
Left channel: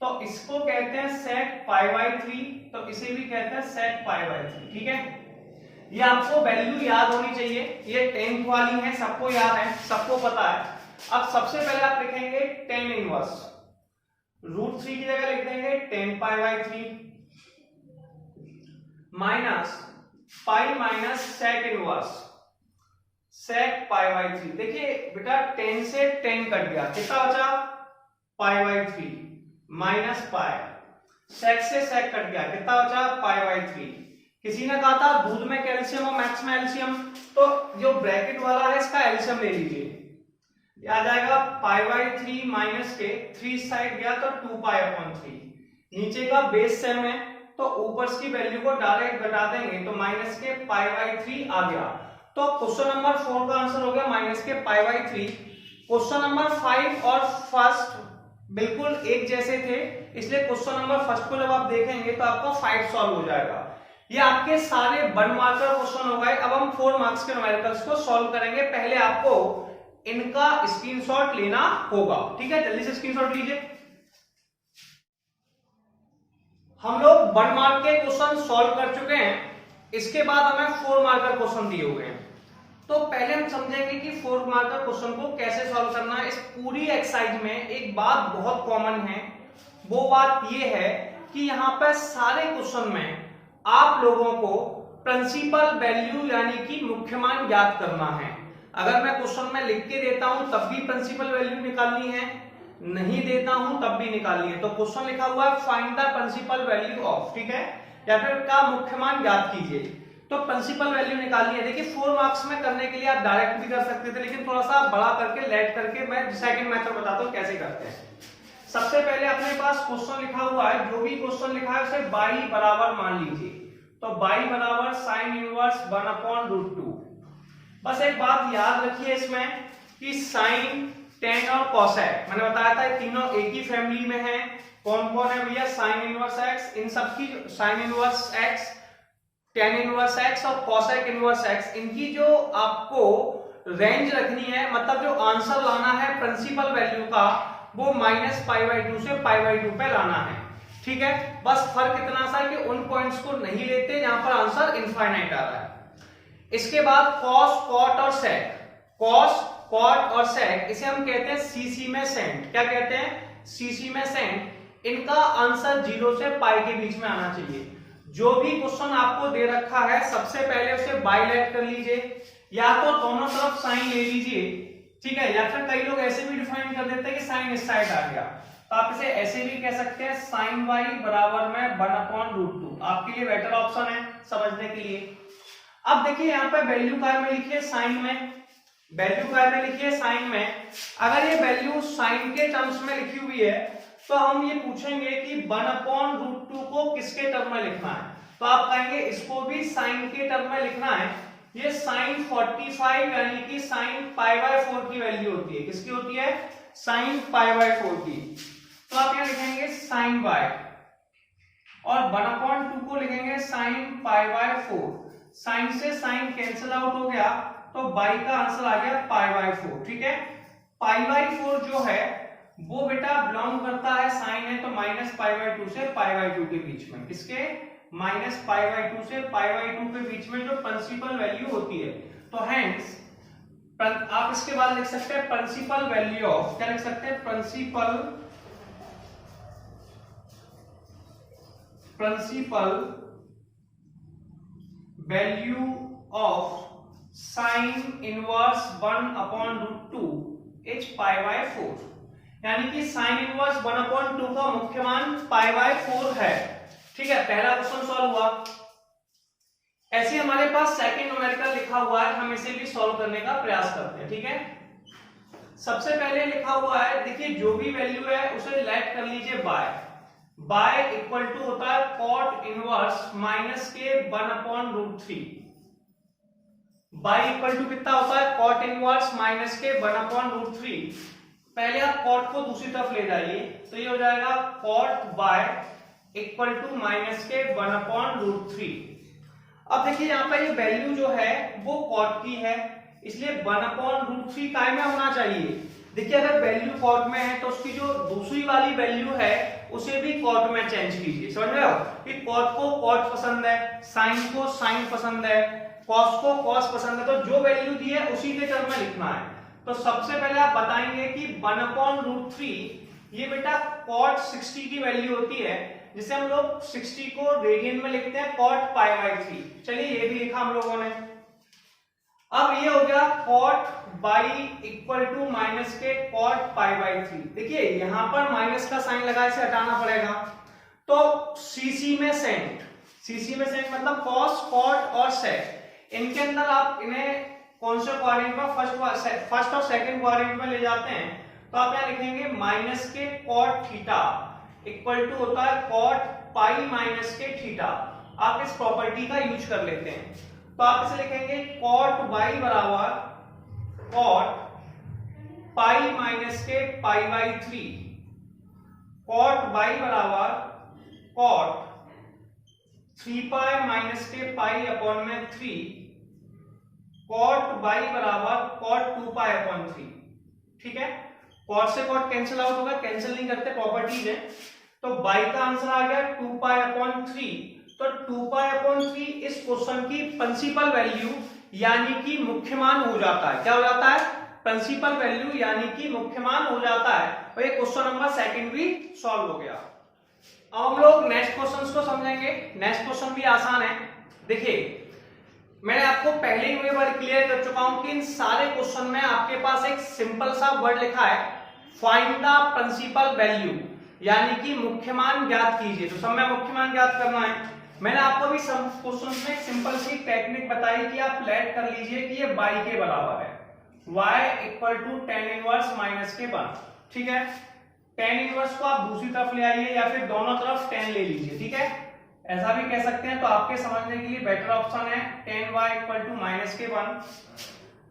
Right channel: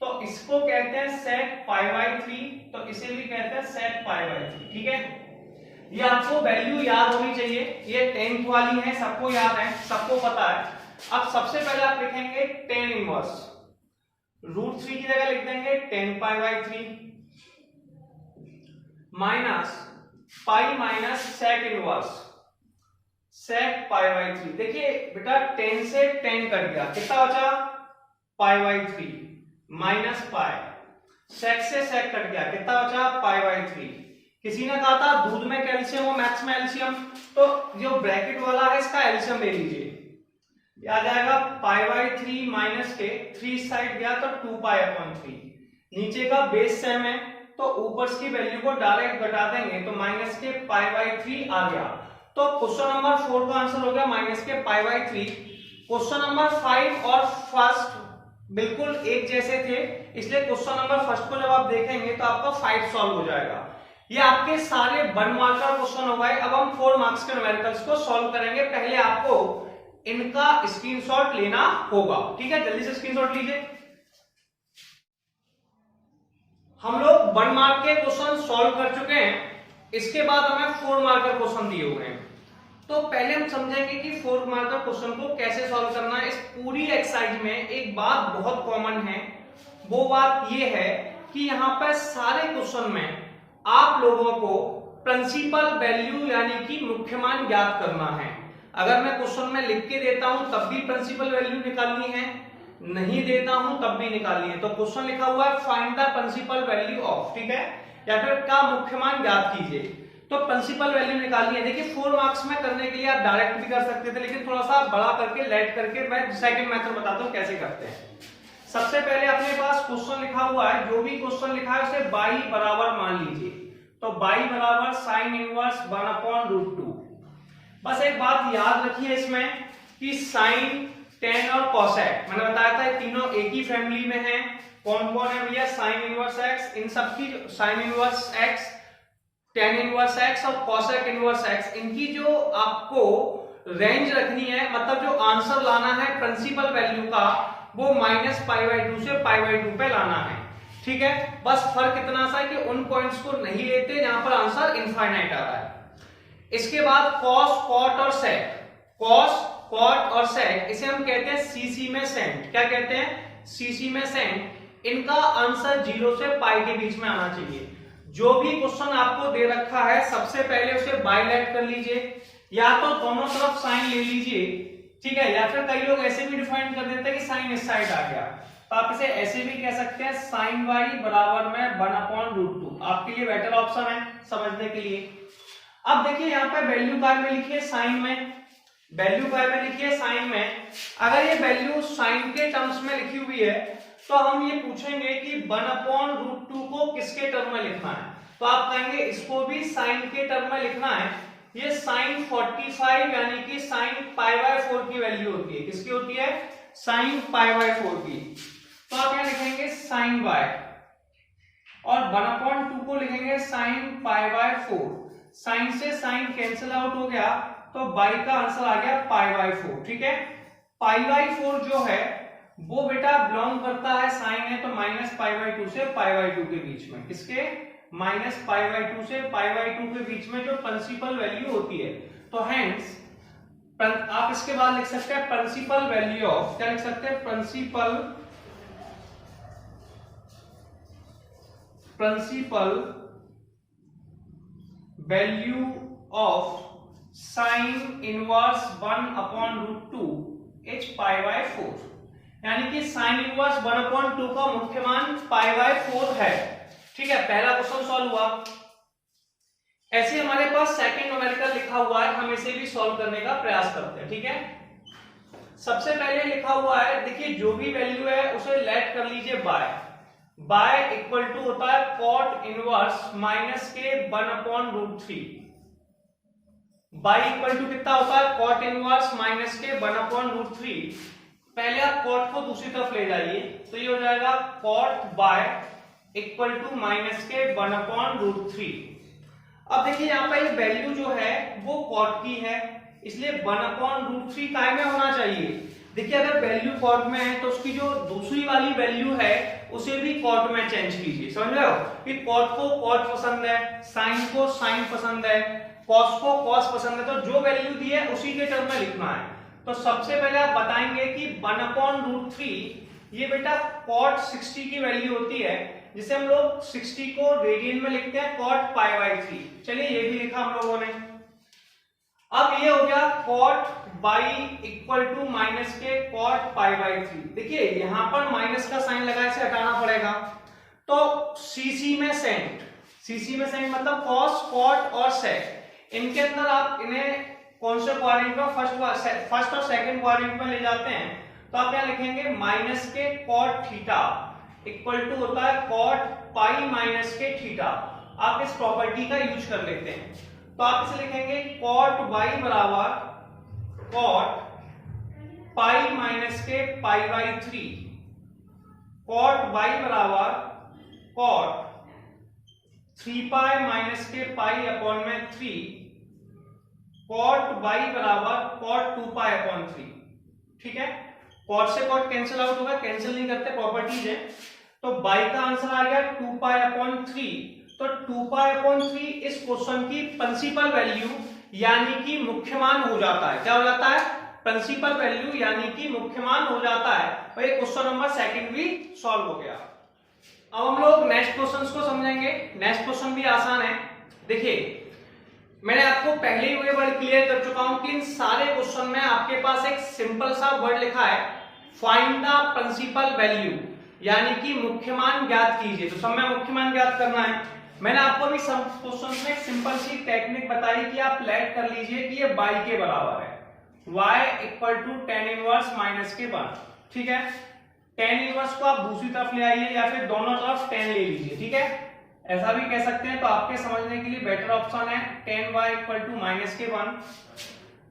तो इसको कहते हैं sec पाई/3, तो इसे भी कहते हैं sec पाई/3। ठीक है, ये आपको वैल्यू याद होनी चाहिए, ये 10th वाली है, सबको याद है, सबको पता है। अब सबसे पहले आप लिखेंगे tan इनवर्स, √3 की जगह लिख देंगे tan पाई/3 minus pi minus sec inverse sec पाई/3। देखिए बेटा 10 से 10 कट गया, कितना बचा, पाई/3 माइनस पाई, sec से sec कट गया, कितना बचा, पाई/3। किसी ने कहा था दूध में कैल्शियम और मैथ्स में एल्शियम, तो जो ब्रैकेट वाला है इसका एल्शियम ले लीजिए, आ जाएगा पाई/3 माइनस के 3 साइड गया तो 2 पाई/3, नीचे का बेस सेम है तो ऊपर की वैल्यू को डायरेक्ट घटा देंगे तो माइनस के π/3 आ गया। तो क्वेश्चन नंबर 4 का आंसर हो गया माइनस के π/3। क्वेश्चन नंबर 5 और फर्स्ट बिल्कुल एक जैसे थे, इसलिए क्वेश्चन नंबर फर्स्ट को जब आप देखेंगे तो आपका 5 सॉल्व हो जाएगा। ये आपके सारे 1 मार्कर क्वेश्चन हो गए। अब हम 4 मार्क्स के न्यूमेरिकल्स को सॉल्व करेंगे। पहले आपको इनका स्क्रीनशॉट लेना होगा, ठीक है, जल्दी से स्क्रीनशॉट लीजिए। हम लोग 1 मार्क के क्वेश्चन सॉल्व कर चुके हैं, इसके बाद हमें 4 मार्कर क्वेश्चन दिए हुए हैं। तो पहले हम समझेंगे कि 4 मार्कर क्वेश्चन को कैसे सॉल्व करना है। इस पूरी एक्सरसाइज में एक बात बहुत कॉमन है, वो बात ये है कि यहाँ पर सारे क्वेश्चन में आप लोगों को प्रिंसिपल वैल्यू यानी कि मुख्य मान ज्ञात करना है। अगर मैं क्वेश्चन में लिख के देता हूं तब भी प्रिंसिपल वैल्यू निकालनी है, नहीं देता हूं तब भी निकालनी है। तो क्वेश्चन लिखा हुआ है find the principal value of, ठीक है, या फिर क्या मुख्य मान ज्ञात कीजिए। तो प्रिंसिपल वैल्यू निकालनी है। देखिए 4 मार्क्स में करने के लिए आप डायरेक्ट भी कर सकते थे, लेकिन थोड़ा सा बड़ा करके लेट करके मैं सेकंड मेथड बताता हूं कैसे करते हैं। सबसे पहले अपने पास क्वेश्चन लिखा हुआ है, जो भी क्वेश्चन लिखा है उसे बाई बराबर मान लीजिए। तो बाई बराबर साइन इनवर्स 1/√2। बस एक बात याद रखिए इसमें कि साइन, टेन और कोसेक, मैंने बताया था ये तीनों एक ही फैमिली में है। कौन कौन है भैया? साइन इनवर्स एक्स, इन सब की sign inverse x, tan inverse x और कोसेक इनवर्स एक्स, इनकी जो आपको रेंज रखनी है, मतलब जो आंसर लाना है प्रिंसिपल वैल्यू का, वो -π/2 से π/2 पे लाना है, ठीक है। बस फर्क इतना सा है कि उन पॉइंट्स को नहीं लेते जहां पर आंसर इनफाइनाइट आ रहा है। इसके बाद कॉस, कॉट और सेक, कॉस, कॉट और सेक, इसे हम कहते हैं सीसी में सेंट। क्या कहते हैं? सीसी में सेंट। इनका आंसर 0 से पाई के बीच में आना चाहिए। जो भी क्वेश्चन आपको दे रखा है सबसे पहले उसे बाइलेट कर लीजिए, या तो दोनों तरफ साइन ले लीजिए, ठीक है, या फिर कई लोग ऐसे भी डिफाइन कर देते हैं कि साइन इस साइड आ गया, तो आप इसे ऐसे भी कह सकते हैं साइन वाई बराबर में 1/√2। आपके लिए बेटर ऑप्शन है समझने के लिए। अब देखिए यहाँ पे वैल्यू काय में लिखिए साइन में, वैल्यू काय में लिखिए साइन में। अगर ये वैल्यू साइन के टर्म्स में लिखी हुई है तो हम ये पूछेंगे कि 1/√2 को किसके टर्म में लिखना है, तो आप कहेंगे इसको भी साइन के टर्म में लिखना है। ये साइन 45 यानी कि साइन π/4 की वैल्यू होती है। किसकी होती है? साइन π/4 की। तो आप क्या लिखेंगे? साइन y, और 1/2 को लिखेंगे साइन π/4। साइन से साइन कैंसिल आउट हो गया तो y का आंसर आ गया π/4, ठीक है। π/4 जो है वो बेटा बिलोंग करता है, साइन है तो -π/2 से π/2 के बीच में, किसके? -π/2 से π/2 के बीच में जो प्रिंसिपल वैल्यू होती है। तो हेंस आप इसके बाद लिख सकते हैं प्रिंसिपल वैल्यू ऑफ, क्या लिख सकते हैं? Principal value of sine inverse 1/√2 is π/4, यानी कि साइन इनवर्स 1/2 का मुख्य मान π/4 है, ठीक है। पहला क्वेश्चन सॉल्व हुआ। ऐसे हमारे पास सेकंड न्यूमेरिकल लिखा हुआ है, हम इसे भी सॉल्व करने का प्रयास करते हैं, ठीक है। सबसे पहले लिखा हुआ है, देखिए जो भी वैल्यू है उसे लेट कर लीजिए बाय, बाय इक्वल टू होता है कॉट इनवर्स माइनस के 1/√3। बाय इक्वल टू कितना होता है? कॉट इनवर्स माइनस के 1/√3। पहले आप कॉट को दूसरी तरफ ले जाइए तो ये हो जाएगा cot y equal to minus के 1/√3। अब देखिए यहाँ पे ये वैल्यू जो है वो कॉट की है, इसलिए 1/√3 काय में होना चाहिए। देखिए अगर वैल्यू कॉट में है तो उसकी जो दूसरी वाली वैल्यू है उसे भी कॉट में चेंज कीजिए। समझ रहे हो कि कॉट को कॉट पसंद है, साइन को साइन पसंद है, कॉस को कॉस पसंद है, तो जो वैल्यू दी है उसी के टर्म में लिखना है। तो सबसे पहले आप बताएंगे कि 1/√3 ये बेटा कॉट 60 की वैल्यू होती है, जिसे हम लोग 60 को रेडियन में लिखते हैं कॉट π/3। चलिए ये भी लिखा हम लोगों ने। अब ये हो गया cot y equal to minus के कॉट π/3। देखिए यहां पर माइनस का साइन लगा, इसे हटाना पड़ेगा। तो सीसी में सेंट, सीसी में सेंट मतलब कॉस, कॉट और सेक, इनके अंदर आप इन्हें कौन से क्वाड्रेंट में? फर्स्ट और सेकंड क्वाड्रेंट में ले जाते हैं। तो आप क्या लिखेंगे? माइनस के कॉट थीटा इक्वल टू होता है कॉट पाई माइनस के थीटा। आप इस प्रॉपर्टी का यूज कर लेते हैं, तो आप इसे लिखेंगे कॉट वाई बराबर कॉट पाई माइनस के पाई बाई 3, कॉट वाई बराबर कॉट 3 पाई माइनस के पाई अपॉन में 3, कॉट वाई बराबर कॉट 2 पाई अपॉन 3। ठीक है, कॉट से कॉट कैंसिल आउट होगा, कैंसिल नहीं करते, प्रॉपर्टीज है। तो बाई का आंसर आ गया 2 पाई अपॉन 3। तो 2 पाई अपॉन 3 इस क्वेश्चन की प्रिंसिपल वैल्यू यानी कि मुख्य मान हो जाता है। क्या हो जाता है? प्रिंसिपल वैल्यू यानी कि मुख्य मान हो जाता है। और ये क्वेश्चन नंबर सेकंड भी सॉल्व हो गया। अब हम लोग नेक्स्ट क्वेश्चन को समझेंगे। नेक्स्ट क्वेश्चन भी आसान है। देखिए, मैंने आपको पहले ही ये वर्ड क्लियर कर चुका हूं कि इन सारे क्वेश्चन में आपके पास एक सिंपल सा वर्ड लिखा है, फाइंड द प्रिंसिपल वैल्यू, यानी कि मुख्य मान ज्ञात कीजिए। तो सब में मुख्य मान ज्ञात करना है। मैंने आपको भी सब क्वेश्चन में एक सिंपल सी टेक्निक बताई कि आप लेट कर लीजिए कि ये y के बराबर है, y equal to tan inverse minus के 1। ठीक है, tan इनवर्स को आप दूसरी तरफ ले आइए या फिर दोनों तरफ tan ले लीजिए। ठीक है, ऐसा भी कह सकते हैं। तो आपके समझने के लिए बेटर ऑप्शन है tan y equal to minus के 1।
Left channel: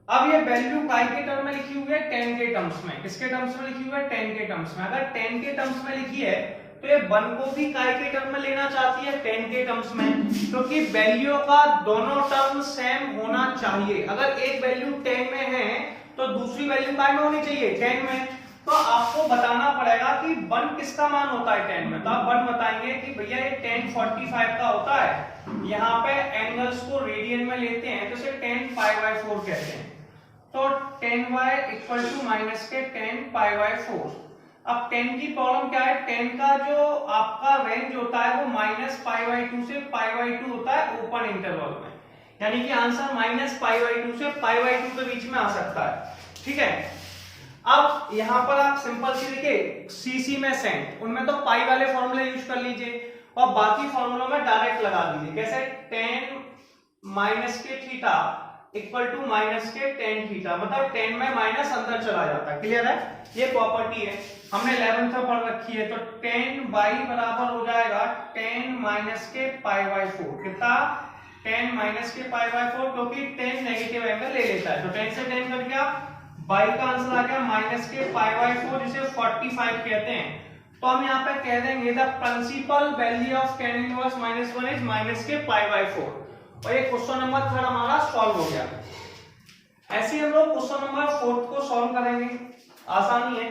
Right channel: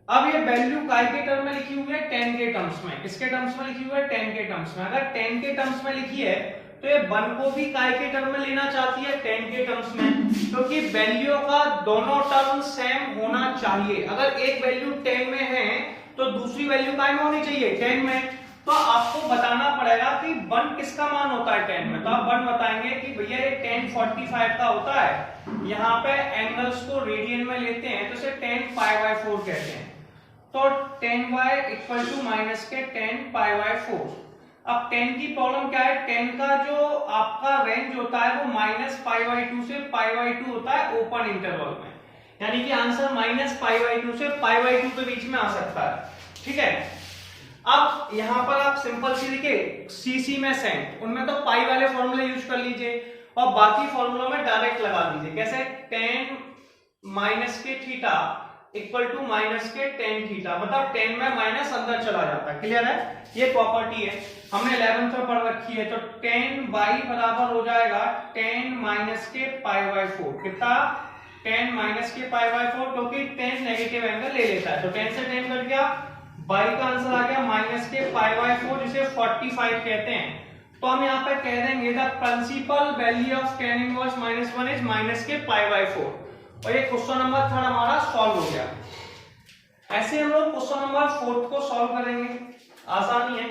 अब ये वैल्यू काय के टर्म में लिखी हुई है? tan के टर्म्स में। किसके टर्म्स में लिखी हुई है? tan के टर्म्स में। अगर tan के टर्म्स में लिखी है तो ये 1 को भी काय के टर्म में लेना चाहती है tan के टर्म्स में, क्योंकि वैल्यू का दोनों टर्म सेम होना चाहिए। अगर एक वैल्यू tan में है तो दूसरी वैल्यू काय में होनी चाहिए? tan में। तो आपको बताना पड़ेगा कि 1 किसका मान होता है tan में। तो आप 1 बताएंगे कि भैया ये tan 45 का होता है। यहाँ पे एंगल्स को रेडियन में लेते हैं तो इसे tan पाई बाय 4 कहते हैं। तो tan y equal to minus के tan पाई बाय 4। अब tan की प्रॉब्लम क्या है? tan का जो आपका रेंज होता है वो माइनस पाई बाय 2 से पाई बाय 2 होता है ओपन इंटरवल में, यानी कि आंसर माइनस पाई बाय 2 से पाई बाय 2 के बीच में आ सकता है। ठीक है, अब यहां पर आप सिंपल सी लिखे सीसी में सेंट, उनमें तो पाई वाले फॉर्मूले यूज कर लीजिए और बाकी फॉर्मूलों में डायरेक्ट लगा दीजिए। कैसे? tan माइनस के थीटा इक्वल टू माइनस के tan थीटा, मतलब tan में माइनस अंदर चला जाता है। क्लियर है? ये प्रॉपर्टी है, हमने 11th में पढ़ रखी है। तो tan y बराबर हो जाएगा tan माइनस के पाई बाय 4। कितना? tan माइनस के पाई बाय 4, क्योंकि tan नेगेटिव एंगल ले लेता है। तो tan से tan कट गया, y का आंसर आ गया माइनस के पाई बाय 4, जिसे 45 कहते हैं। तो हम यहाँ पे कह देंगे the principal value of tan inverse minus 1 is minus के पाई बाय 4। और ये क्वेश्चन नंबर 3 हमारा सॉल्व हो गया। ऐसे हम लोग क्वेश्चन नंबर 4 को सॉल्व करेंगे। आसानी है।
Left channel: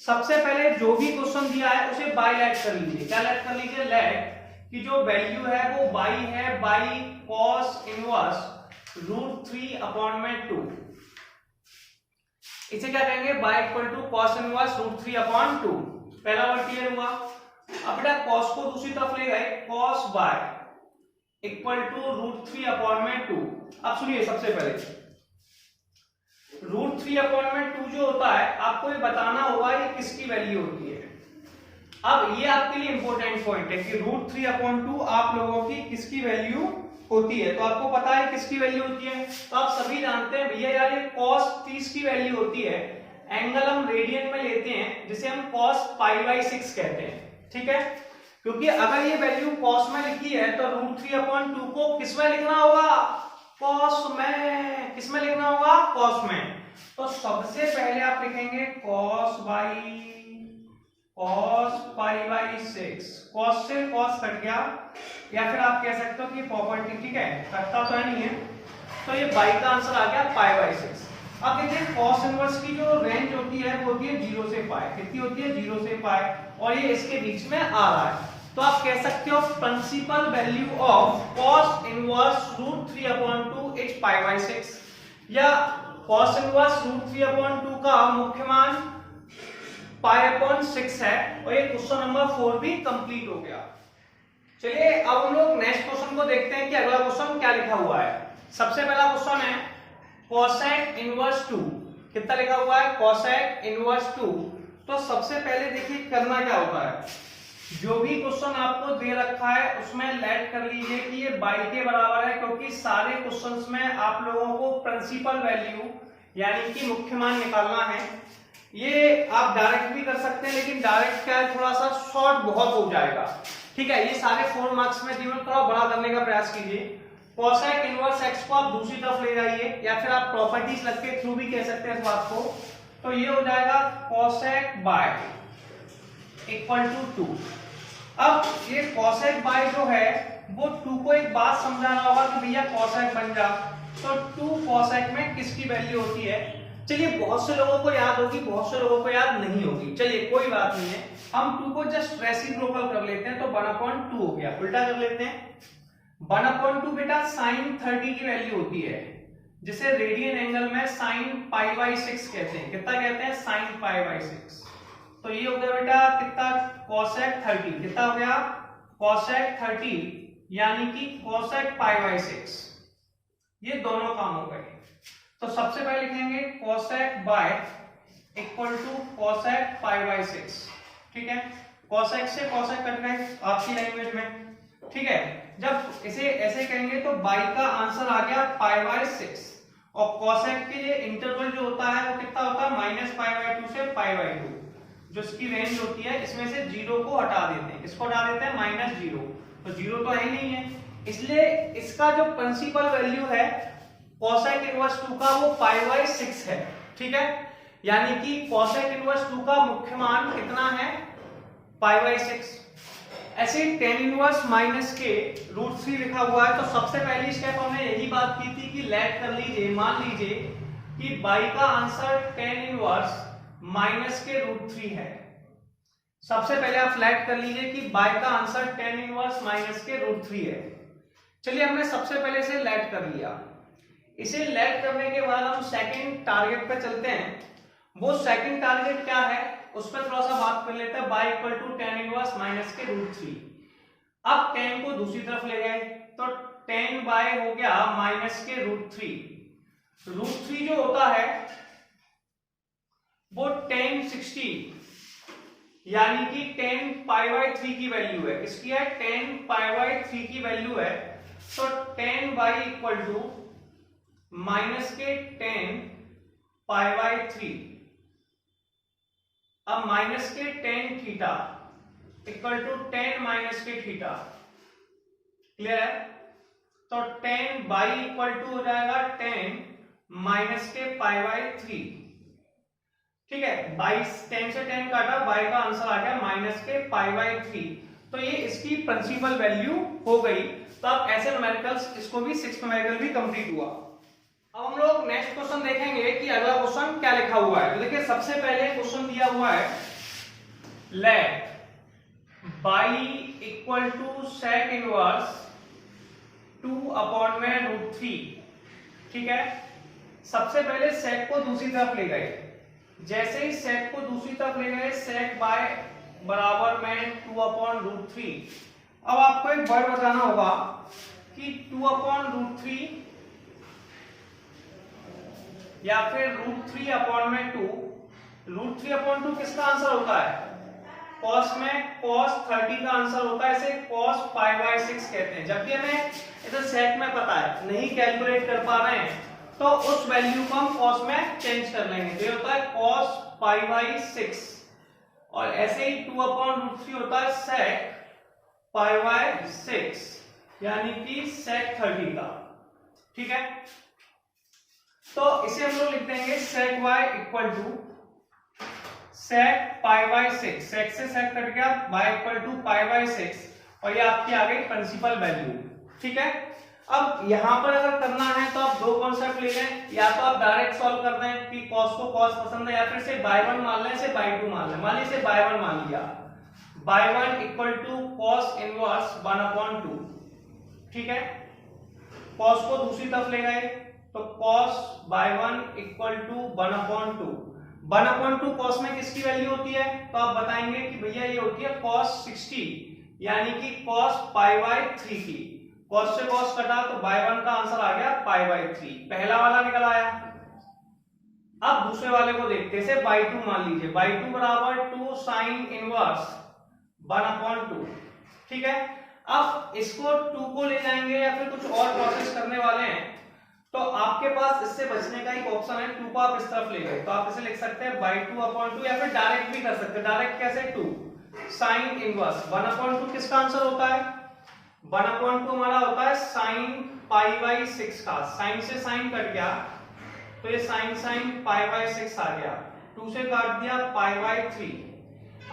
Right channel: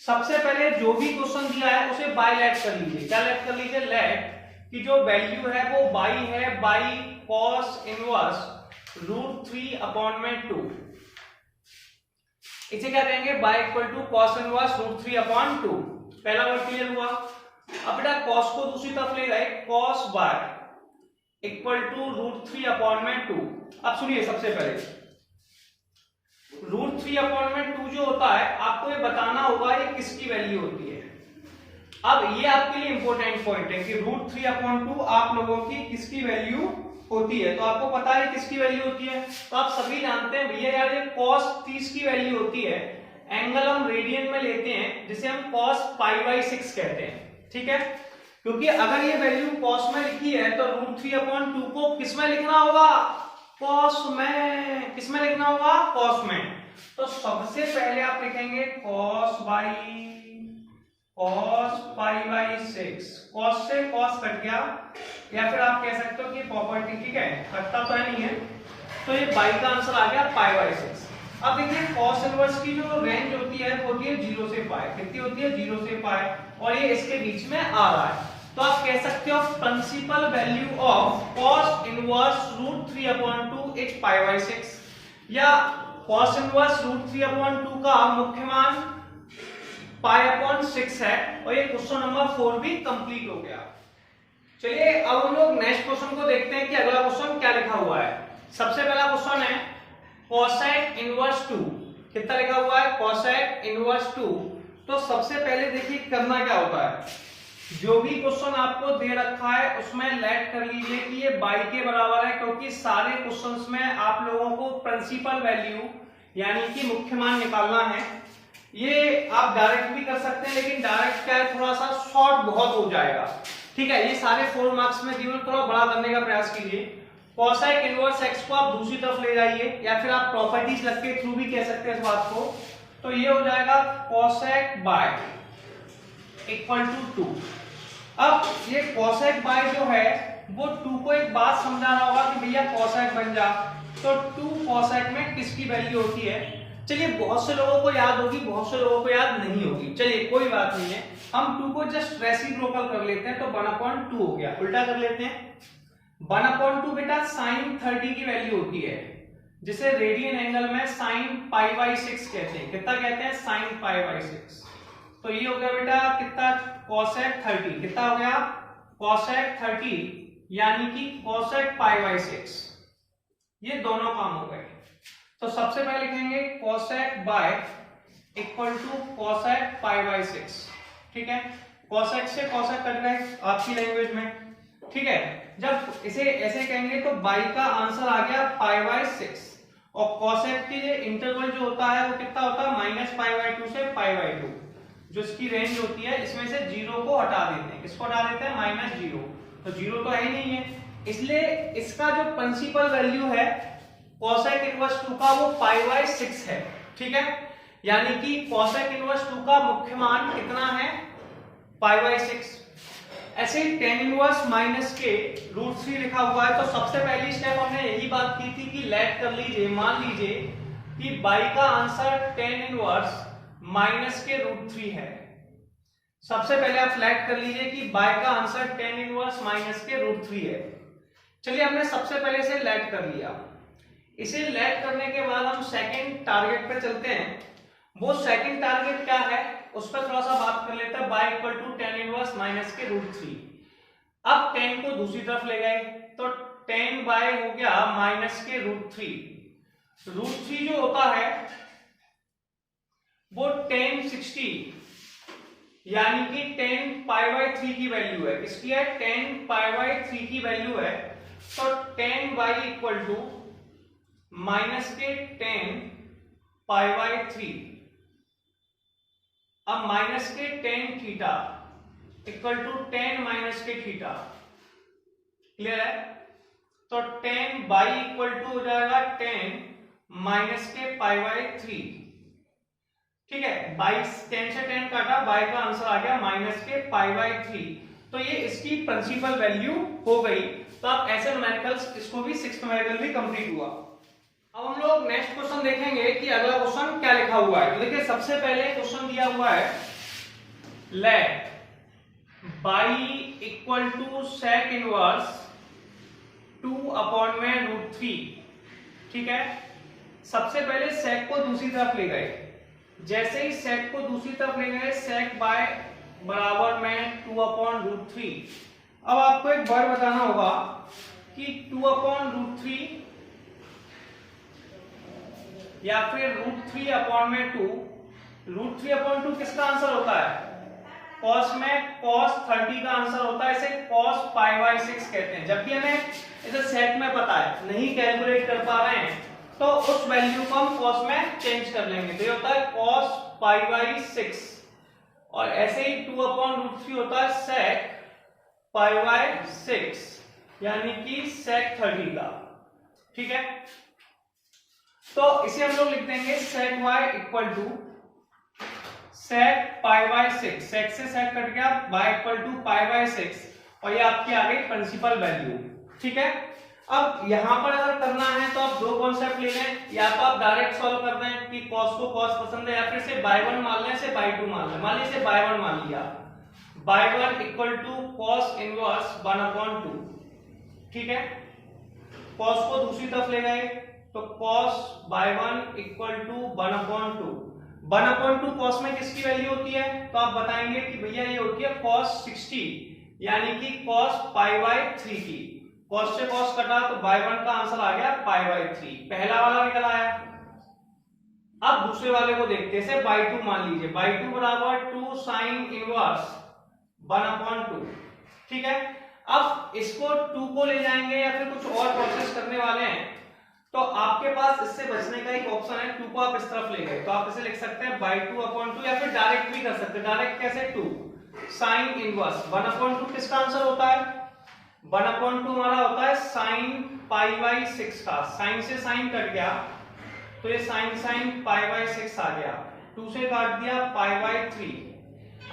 सबसे पहले जो भी क्वेश्चन दिया है उसे बाय लेट कर लीजिए। क्या लेट कर लीजिए? लेट कि जो वैल्यू है वो बाई है, बाई कॉस इनवर्स √3 अपॉन में 2। इसे क्या कहेंगे? Y equal to cos inverse √3 upon 2। पहला वर्ड क्लियर हुआ। अब बेटा कॉस को दूसरी तरफ ले गए, cos y equal to √3 upon में 2। अब सुनिए, सबसे पहले √3 अपॉन में 2 जो होता है, आपको ये बताना होगा ये किसकी वैल्यू होती है। अब ये आपके लिए इंपॉर्टेंट पॉइंट है कि √3 अपॉन 2 आप लोगों की किसकी वैल्यू होती है। तो आपको पता है किसकी वैल्यू होती है। तो आप सभी जानते हैं भैया यार ये cos 30 की वैल्यू होती है। एंगल हम रेडियन में लेते हैं जिसे हम cos पाई बाय 6 कहते हैं। ठीक है, क्योंकि अगर ये वैल्यू cos में लिखी है तो √3 अपॉन 2 को किस में लिखना होगा? cos में। किस में लिखना होगा? cos में। तो सबसे पहले आप लिखेंगे cos पाई बाय 6। cos से cos कट गया, या फिर आप कह सकते हो कि प्रॉपर्टी, ठीक है, कटता तो नहीं है। तो ये बाई का आंसर आ गया पाई बाय 6। अब देखिए cos इनवर्स की जो रेंज होती है वो होती है 0 से पाई। कितनी होती है? 0 से पाई, और ये इसके बीच में आ रहा है। तो आप कह सकते हो principal value of cos inverse √3 upon 2 is pi by 6, या cos इनवर्स √3 अपॉन 2 का मुख्य मान पाई अपॉन 6 है। और ये क्वेश्चन नंबर 4 भी कंप्लीट हो गया। चलिए अब हम लोग नेक्स्ट क्वेश्चन को देखते हैं कि अगला क्वेश्चन क्या लिखा हुआ है। सबसे पहला क्वेश्चन है cosec इनवर्स 2। कितना लिखा हुआ है? cosec inverse 2। तो सबसे पहले देखिए करना क्या होता है, जो भी क्वेश्चन आपको दे रखा है उसमें लेट कर लीजिए कि ये बाई के बराबर है, क्योंकि सारे क्वेश्चंस में आप लोगों को प्रिंसिपल वैल्यू यानी कि मुख्य मान निकालना है। ये आप डायरेक्ट भी कर सकते हैं, लेकिन डायरेक्ट क्या है थोड़ा सा शॉर्ट बहुत हो जाएगा। ठीक है, ये सारे 4 मार्क्स में दिए, थोड़ा बड़ा करने का प्रयास कीजिए। कोसेक इनवर्स एक्स को आप दूसरी तरफ ले जाइए, या फिर आप प्रॉपर्टीज लग के थ्रू भी कह सकते हैं इस बात को। तो ये हो जाएगा कोसेक बाय इक्वल टू 2। अब ये कोसेक बाय जो है वो 2 को एक बात समझाना होगा कि भैया कोसेक बन जा, तो 2 कोसेक में किसकी वैल्यू होती है। चलिए बहुत से लोगों को याद होगी, बहुत से लोगों को याद नहीं होगी, चलिए कोई बात नहीं है, हम 2 को जस्ट रेसिप्रोकल कर लेते हैं, तो 1/2 हो गया। उल्टा कर लेते हैं, 1/2 बेटा sin 30 की वैल्यू होती है, जिसे रेडियन एंगल में sin π/6 कहते हैं। कितना कहते हैं? sin π/6। तो ये हो गया बेटा कितना? cosec 30। कितना हो गया? cosec 30 यानी कि cosec π/6। ये दोनों काम हो गए। तो सबसे पहले लिखेंगे cosec y equal to cosec π/6। ठीक है, cosec से cosec कट गए आपकी लैंग्वेज में। ठीक है, जब इसे ऐसे कहेंगे तो बाई का आंसर आ गया π/6, और cosec के इंटरवल जो होता है वो कितना होता है? -π/2 से π/2। जो इसकी रेंज होती है, इसमें से 0 को हटा देते हैं। किसको हटा देते हैं? -0। तो 0 तो है ही नहीं है, इसलिए इसका जो प्रिंसिपल वैल्यू है cosec इनवर्स 2 का वो π/6 है। ठीक है, यानी कि cosec इनवर्स 2 का मुख्य मान कितना है? π/6। ऐसे ही tan इनवर्स माइनस के √3 लिखा हुआ है। तो सबसे पहली स्टेप हमने यही बात की थी कि लेट कर लीजिए, मान लीजिए कि बाई का आंसर tan इनवर्स माइनस के √3 है। सबसे पहले आप फ्लैट कर लीजिए कि बाई का आंसर tan इनवर्स माइनस के √3 है। चलिए हमने सबसे पहले इसे लेट कर लिया। इसे लेट करने के बाद हम सेकंड टारगेट पे चलते हैं। वो सेकंड टारगेट क्या है उस पर थोड़ा सा बात कर लेते हैं। Y equal to tan inverse minus के √3। अब tan को दूसरी तरफ ले गए, तो tan बाय हो गया माइनस के √3। √3 जो होता है वो tan 60 यानी कि tan π/3 की वैल्यू है। इसकी है tan π/3 की वैल्यू है। तो tan y equal to minus के tan π/3। अब माइनस के tan theta equal to tan minus के थीटा। क्लियर है? तो tan y इक्वल टू हो जाएगा tan माइनस के π/3। ठीक है, 22 tan से tan काटा, y का आंसर आ गया माइनस के π/3। तो ये इसकी प्रिंसिपल वैल्यू हो गई। तो अब ऐसे न्यूमेरिकल्स, इसको भी 6th न्यूमेरिकल भी कंप्लीट हुआ। अब हम लोग नेक्स्ट क्वेश्चन देखेंगे कि अगला क्वेश्चन क्या लिखा हुआ है। तो देखिए सबसे पहले क्वेश्चन दिया हुआ है let y equal to sec inverse 2/√3। ठीक है, सबसे पहले sec को दूसरी तरफ ले गए। जैसे ही sec को दूसरी तरफ ले गए, sec बाय बराबर में 2/√3। अब आपको एक वर्ड बताना होगा कि 2/√3 या फिर √3/2। √3/2 किसका आंसर होता है? cos में cos 30 का आंसर होता है। इसे cos π/6 कहते हैं। जब भी हमें इसे सेट में पता है, नहीं कैलकुलेट कर पा रहे हैं, तो उस वैल्यू को हम cos में चेंज कर लेंगे। तो ये होता है cos π/6, और ऐसे ही 2/√3 होता है sec π/6 यानी कि sec 30 का। ठीक है, तो इसे हम लोग लिख देंगे sec y equal to sec π/6। sec से sec कट गया, y इक्वल टू π/6, और ये आपकी आ गई प्रिंसिपल वैल्यू। ठीक है, अब यहां पर अगर करना है तो आप दो कॉन्सेप्ट ले लें, या तो आप डायरेक्ट सॉल्व कर दें कि cos को cos पसंद है, या फिर से by1 मान लें, से by2 मान लें। मान लीजिए by1 मान लिया, by1 equal to cos inverse 1/2। ठीक है, cos को दूसरी तरफ ले गए, तो cos by1 equal to 1/2। 1/2 cos में किसकी वैल्यू होती है? तो आप बताएंगे कि भैया ये होती है cos 60 यानी कि cos π/3 की। cos से cos कटा तो by1 का आंसर आ गया π/3। पहला वाला निकल आया। अब दूसरे वाले को देखते हैं, से by2 मान लीजिए, by2 बराबर 2 sin इनवर्स 1/2। ठीक है, अब इसको 2 को ले जाएंगे या फिर कुछ और प्रोसेस करने वाले हैं, तो आपके पास इससे बचने का एक ऑप्शन है, 2 को आप इस तरफ ले गए तो आप इसे लिख सकते हैं बाई 2/2 या फिर डायरेक्ट भी कर सकते हैं। डायरेक्ट कैसे? 2 साइन इनवर्स 1/2 किसका आंसर होता है? 1/2 हमारा होता है साइन π/6 का। साइन से साइन कट गया तो ये साइन π/6 आ गया, 2 से काट दिया π/3।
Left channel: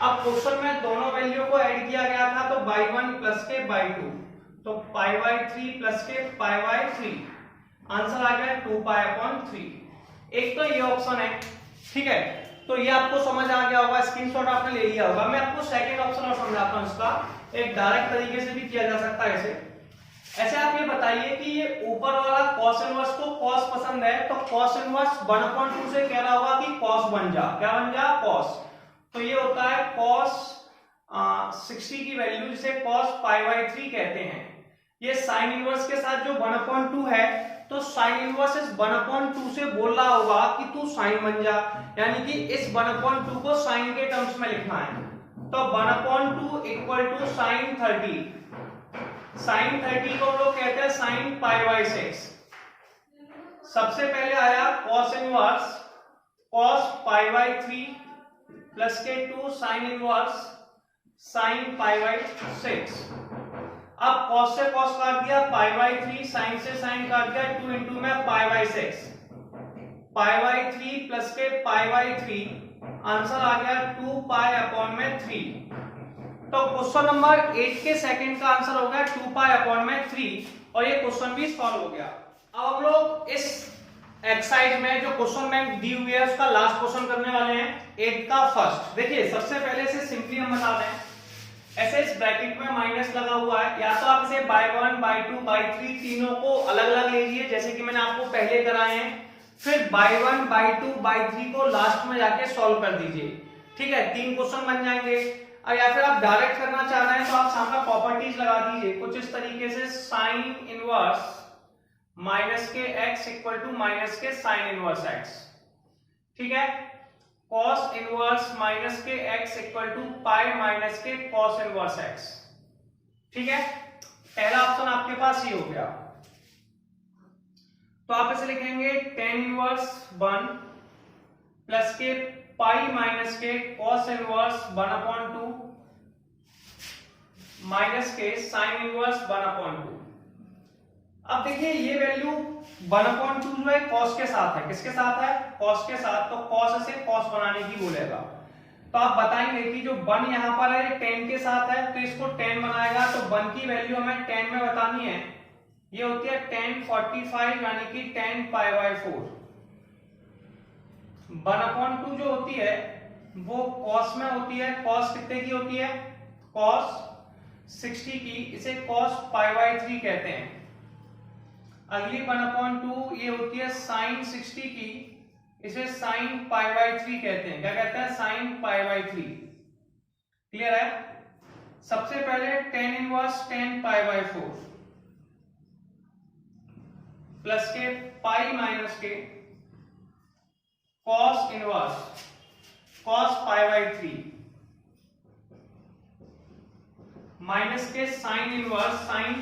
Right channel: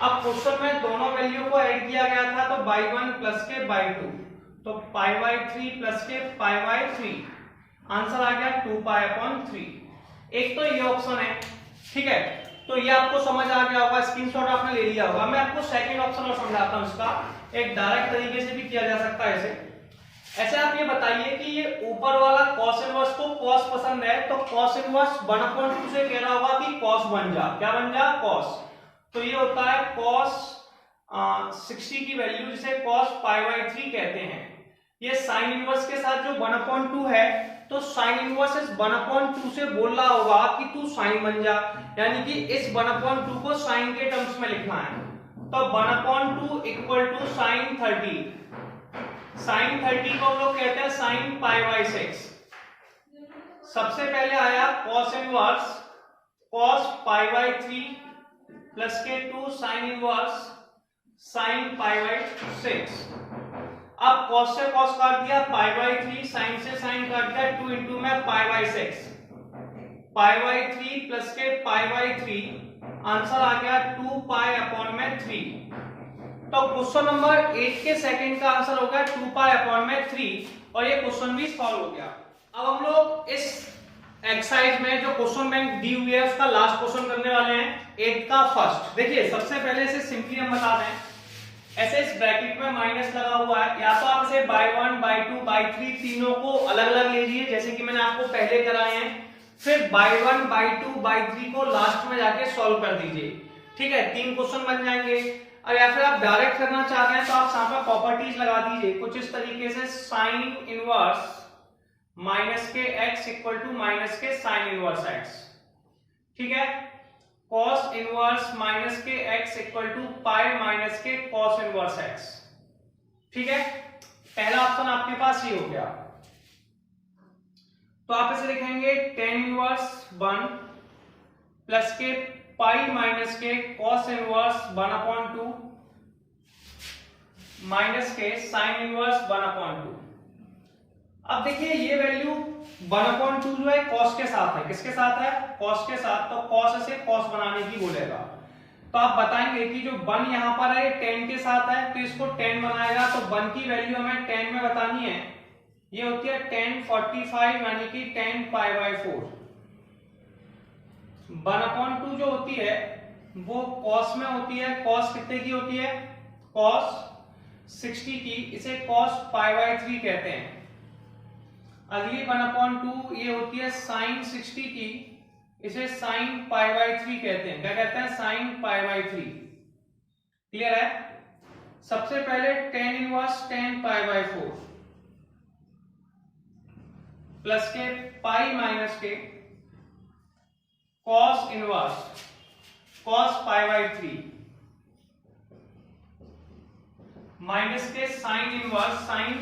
अब क्वेश्चन में दोनों वैल्यू को ऐड किया गया था तो by1 प्लस के by2, तो π/3 प्लस के π/3 आंसर आ गया 2π/3। एक तो ये ऑप्शन है, ठीक है, तो ये आपको समझ आ गया होगा, स्क्रीनशॉट आपने ले लिया होगा। मैं आपको सेकंड ऑप्शन और समझाता हूं, इसका एक डायरेक्ट तरीके से भी किया जा सकता है ऐसे आप ये बताइए कि ये ऊपर वाला cos इनवर्स को cos पसंद है तो cos इनवर्स 1/2 से कह रहा होगा कि cos बन जा, क्या बन जा? cos। तो ये होता है cos 60 की वैल्यू जिसे cos π/3 कहते हैं। ये साइन इनवर्स के साथ जो 1/2 है तो साइन इनवर्स इस 1/2 से बोल रहा होगा कि तू साइन बन जा, यानी कि इस 1/2 को साइन के टर्म्स में लिखना है। तो 1/2 इक्वल टू साइन 30। साइन 30 को हम लोग कहते हैं साइन π/6। सबसे पहले आया cos इनवर्स cos π/3 प्लस के 2 साइन इनवर्स साइन π/6। अब cos से cos काट दिया π/3, साइन से साइन काट दिया 2 इंटू में π/6, π/3 प्लस के π/3 आंसर आ गया 2π/3। तो क्वेश्चन नंबर 8 के सेकंड का आंसर हो गया 2π/3 और ये क्वेश्चन भी सॉल्व हो गया। अब हम लोग इस एक्सरसाइज में जो क्वेश्चन बैंक दी हुई है उसका लास्ट क्वेश्चन करने वाले हैं, 8 का फर्स्ट। देखिए सबसे पहले इसे सिंपली हम बता दें, ऐसे इस ब्रैकेट में माइनस लगा हुआ है, या तो आप इसे by1 by2 by3 तीनों को अलग अलग लीजिए जैसे कि मैंने आपको पहले कराए हैं, फिर by1 by2 by3 को लास्ट में जाके सॉल्व कर दीजिए, ठीक है, 3 क्वेश्चन बन जाएंगे। और या फिर आप डायरेक्ट करना चाहते हैं तो आप यहाँ पर प्रॉपर्टीज लगा दीजिए कुछ इस तरीके से, साइन इनवर्स माइनस के x इक्वल टू माइनस के साइन इनवर्स x, ठीक है, cos इनवर्स माइनस के x equal to pi minus के cos इनवर्स x, ठीक है। पहला ऑप्शन आपके पास ये हो गया, तो आप इसे लिखेंगे tan इनवर्स 1 प्लस के पाई माइनस के cos इनवर्स 1/2 माइनस के साइन इनवर्स 1/2। अब देखिए ये वैल्यू 1/2 जो है cos के साथ है, किसके साथ है? cos के साथ, तो cos से cos बनाने की बोलेगा। तो आप बताएंगे कि जो 1 यहाँ पर है ये tan के साथ है तो इसको tan बनाएगा, तो 1 की वैल्यू हमें tan में बतानी है, ये होती है tan 45 यानी कि tan π/4। 1/2 जो होती है वो cos में होती है, cos कितने की होती है? cos 60 की, इसे cos π/3 कहते हैं। अगली 1/2 ये होती है sin 60 की, इसे sin π/3 कहते हैं। क्या कहते हैं? sin π/3। क्लियर है? सबसे पहले tan इनवर्स tan π/4 प्लस के पाई माइनस के cos इनवर्स cos π/3 माइनस के sine inverse sine,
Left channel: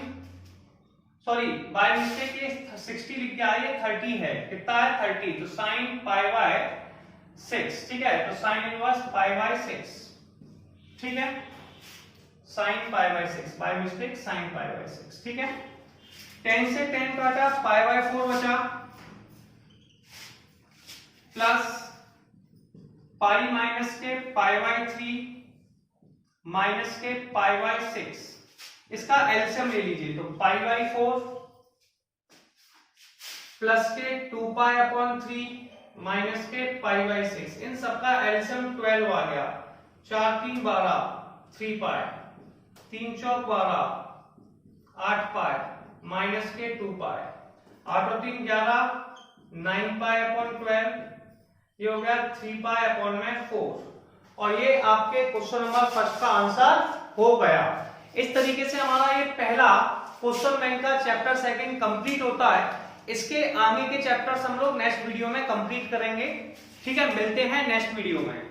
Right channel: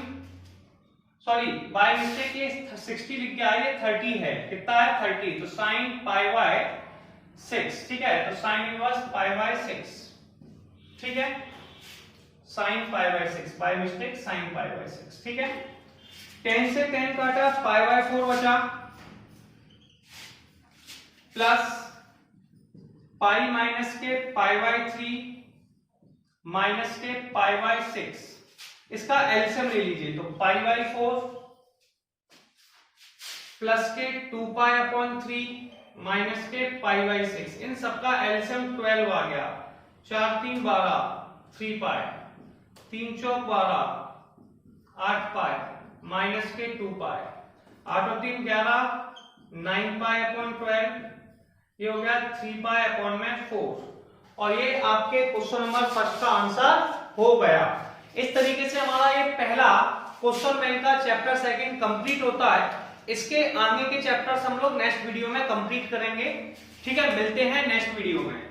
sorry by mistake ये 60 लिख गया, ये 30 है, कितना है? 30, तो साइन π/6, ठीक है, तो साइन इनवर्स π/6, ठीक है, साइन π/6, बाय मिस्टेक साइन π/6, ठीक है। 10 से 10 काटा, π/4 बचा, प्लस पाई माइनस के π/3 माइनस के π/6, इसका एलसीएम ले लीजिए, तो π/4 प्लस के 2π/3 माइनस के π/6, इन सबका एलसीएम 12 आ गया, 4 3 12, 3 पाई, 3 चौक 12, 8 पाई माइनस के 2 पाई, 8 और 3 11, 9 π/12, ये हो गया 3 π/4, और ये आपके क्वेश्चन नंबर फर्स्ट का आंसर हो गया। इस तरीके से हमारा ये पहला क्वेश्चन बैंक का चैप्टर सेकंड कंप्लीट होता है। इसके आगे के चैप्टर्स हम लोग नेक्स्ट वीडियो में कंप्लीट करेंगे, ठीक है, मिलते हैं नेक्स्ट वीडियो में।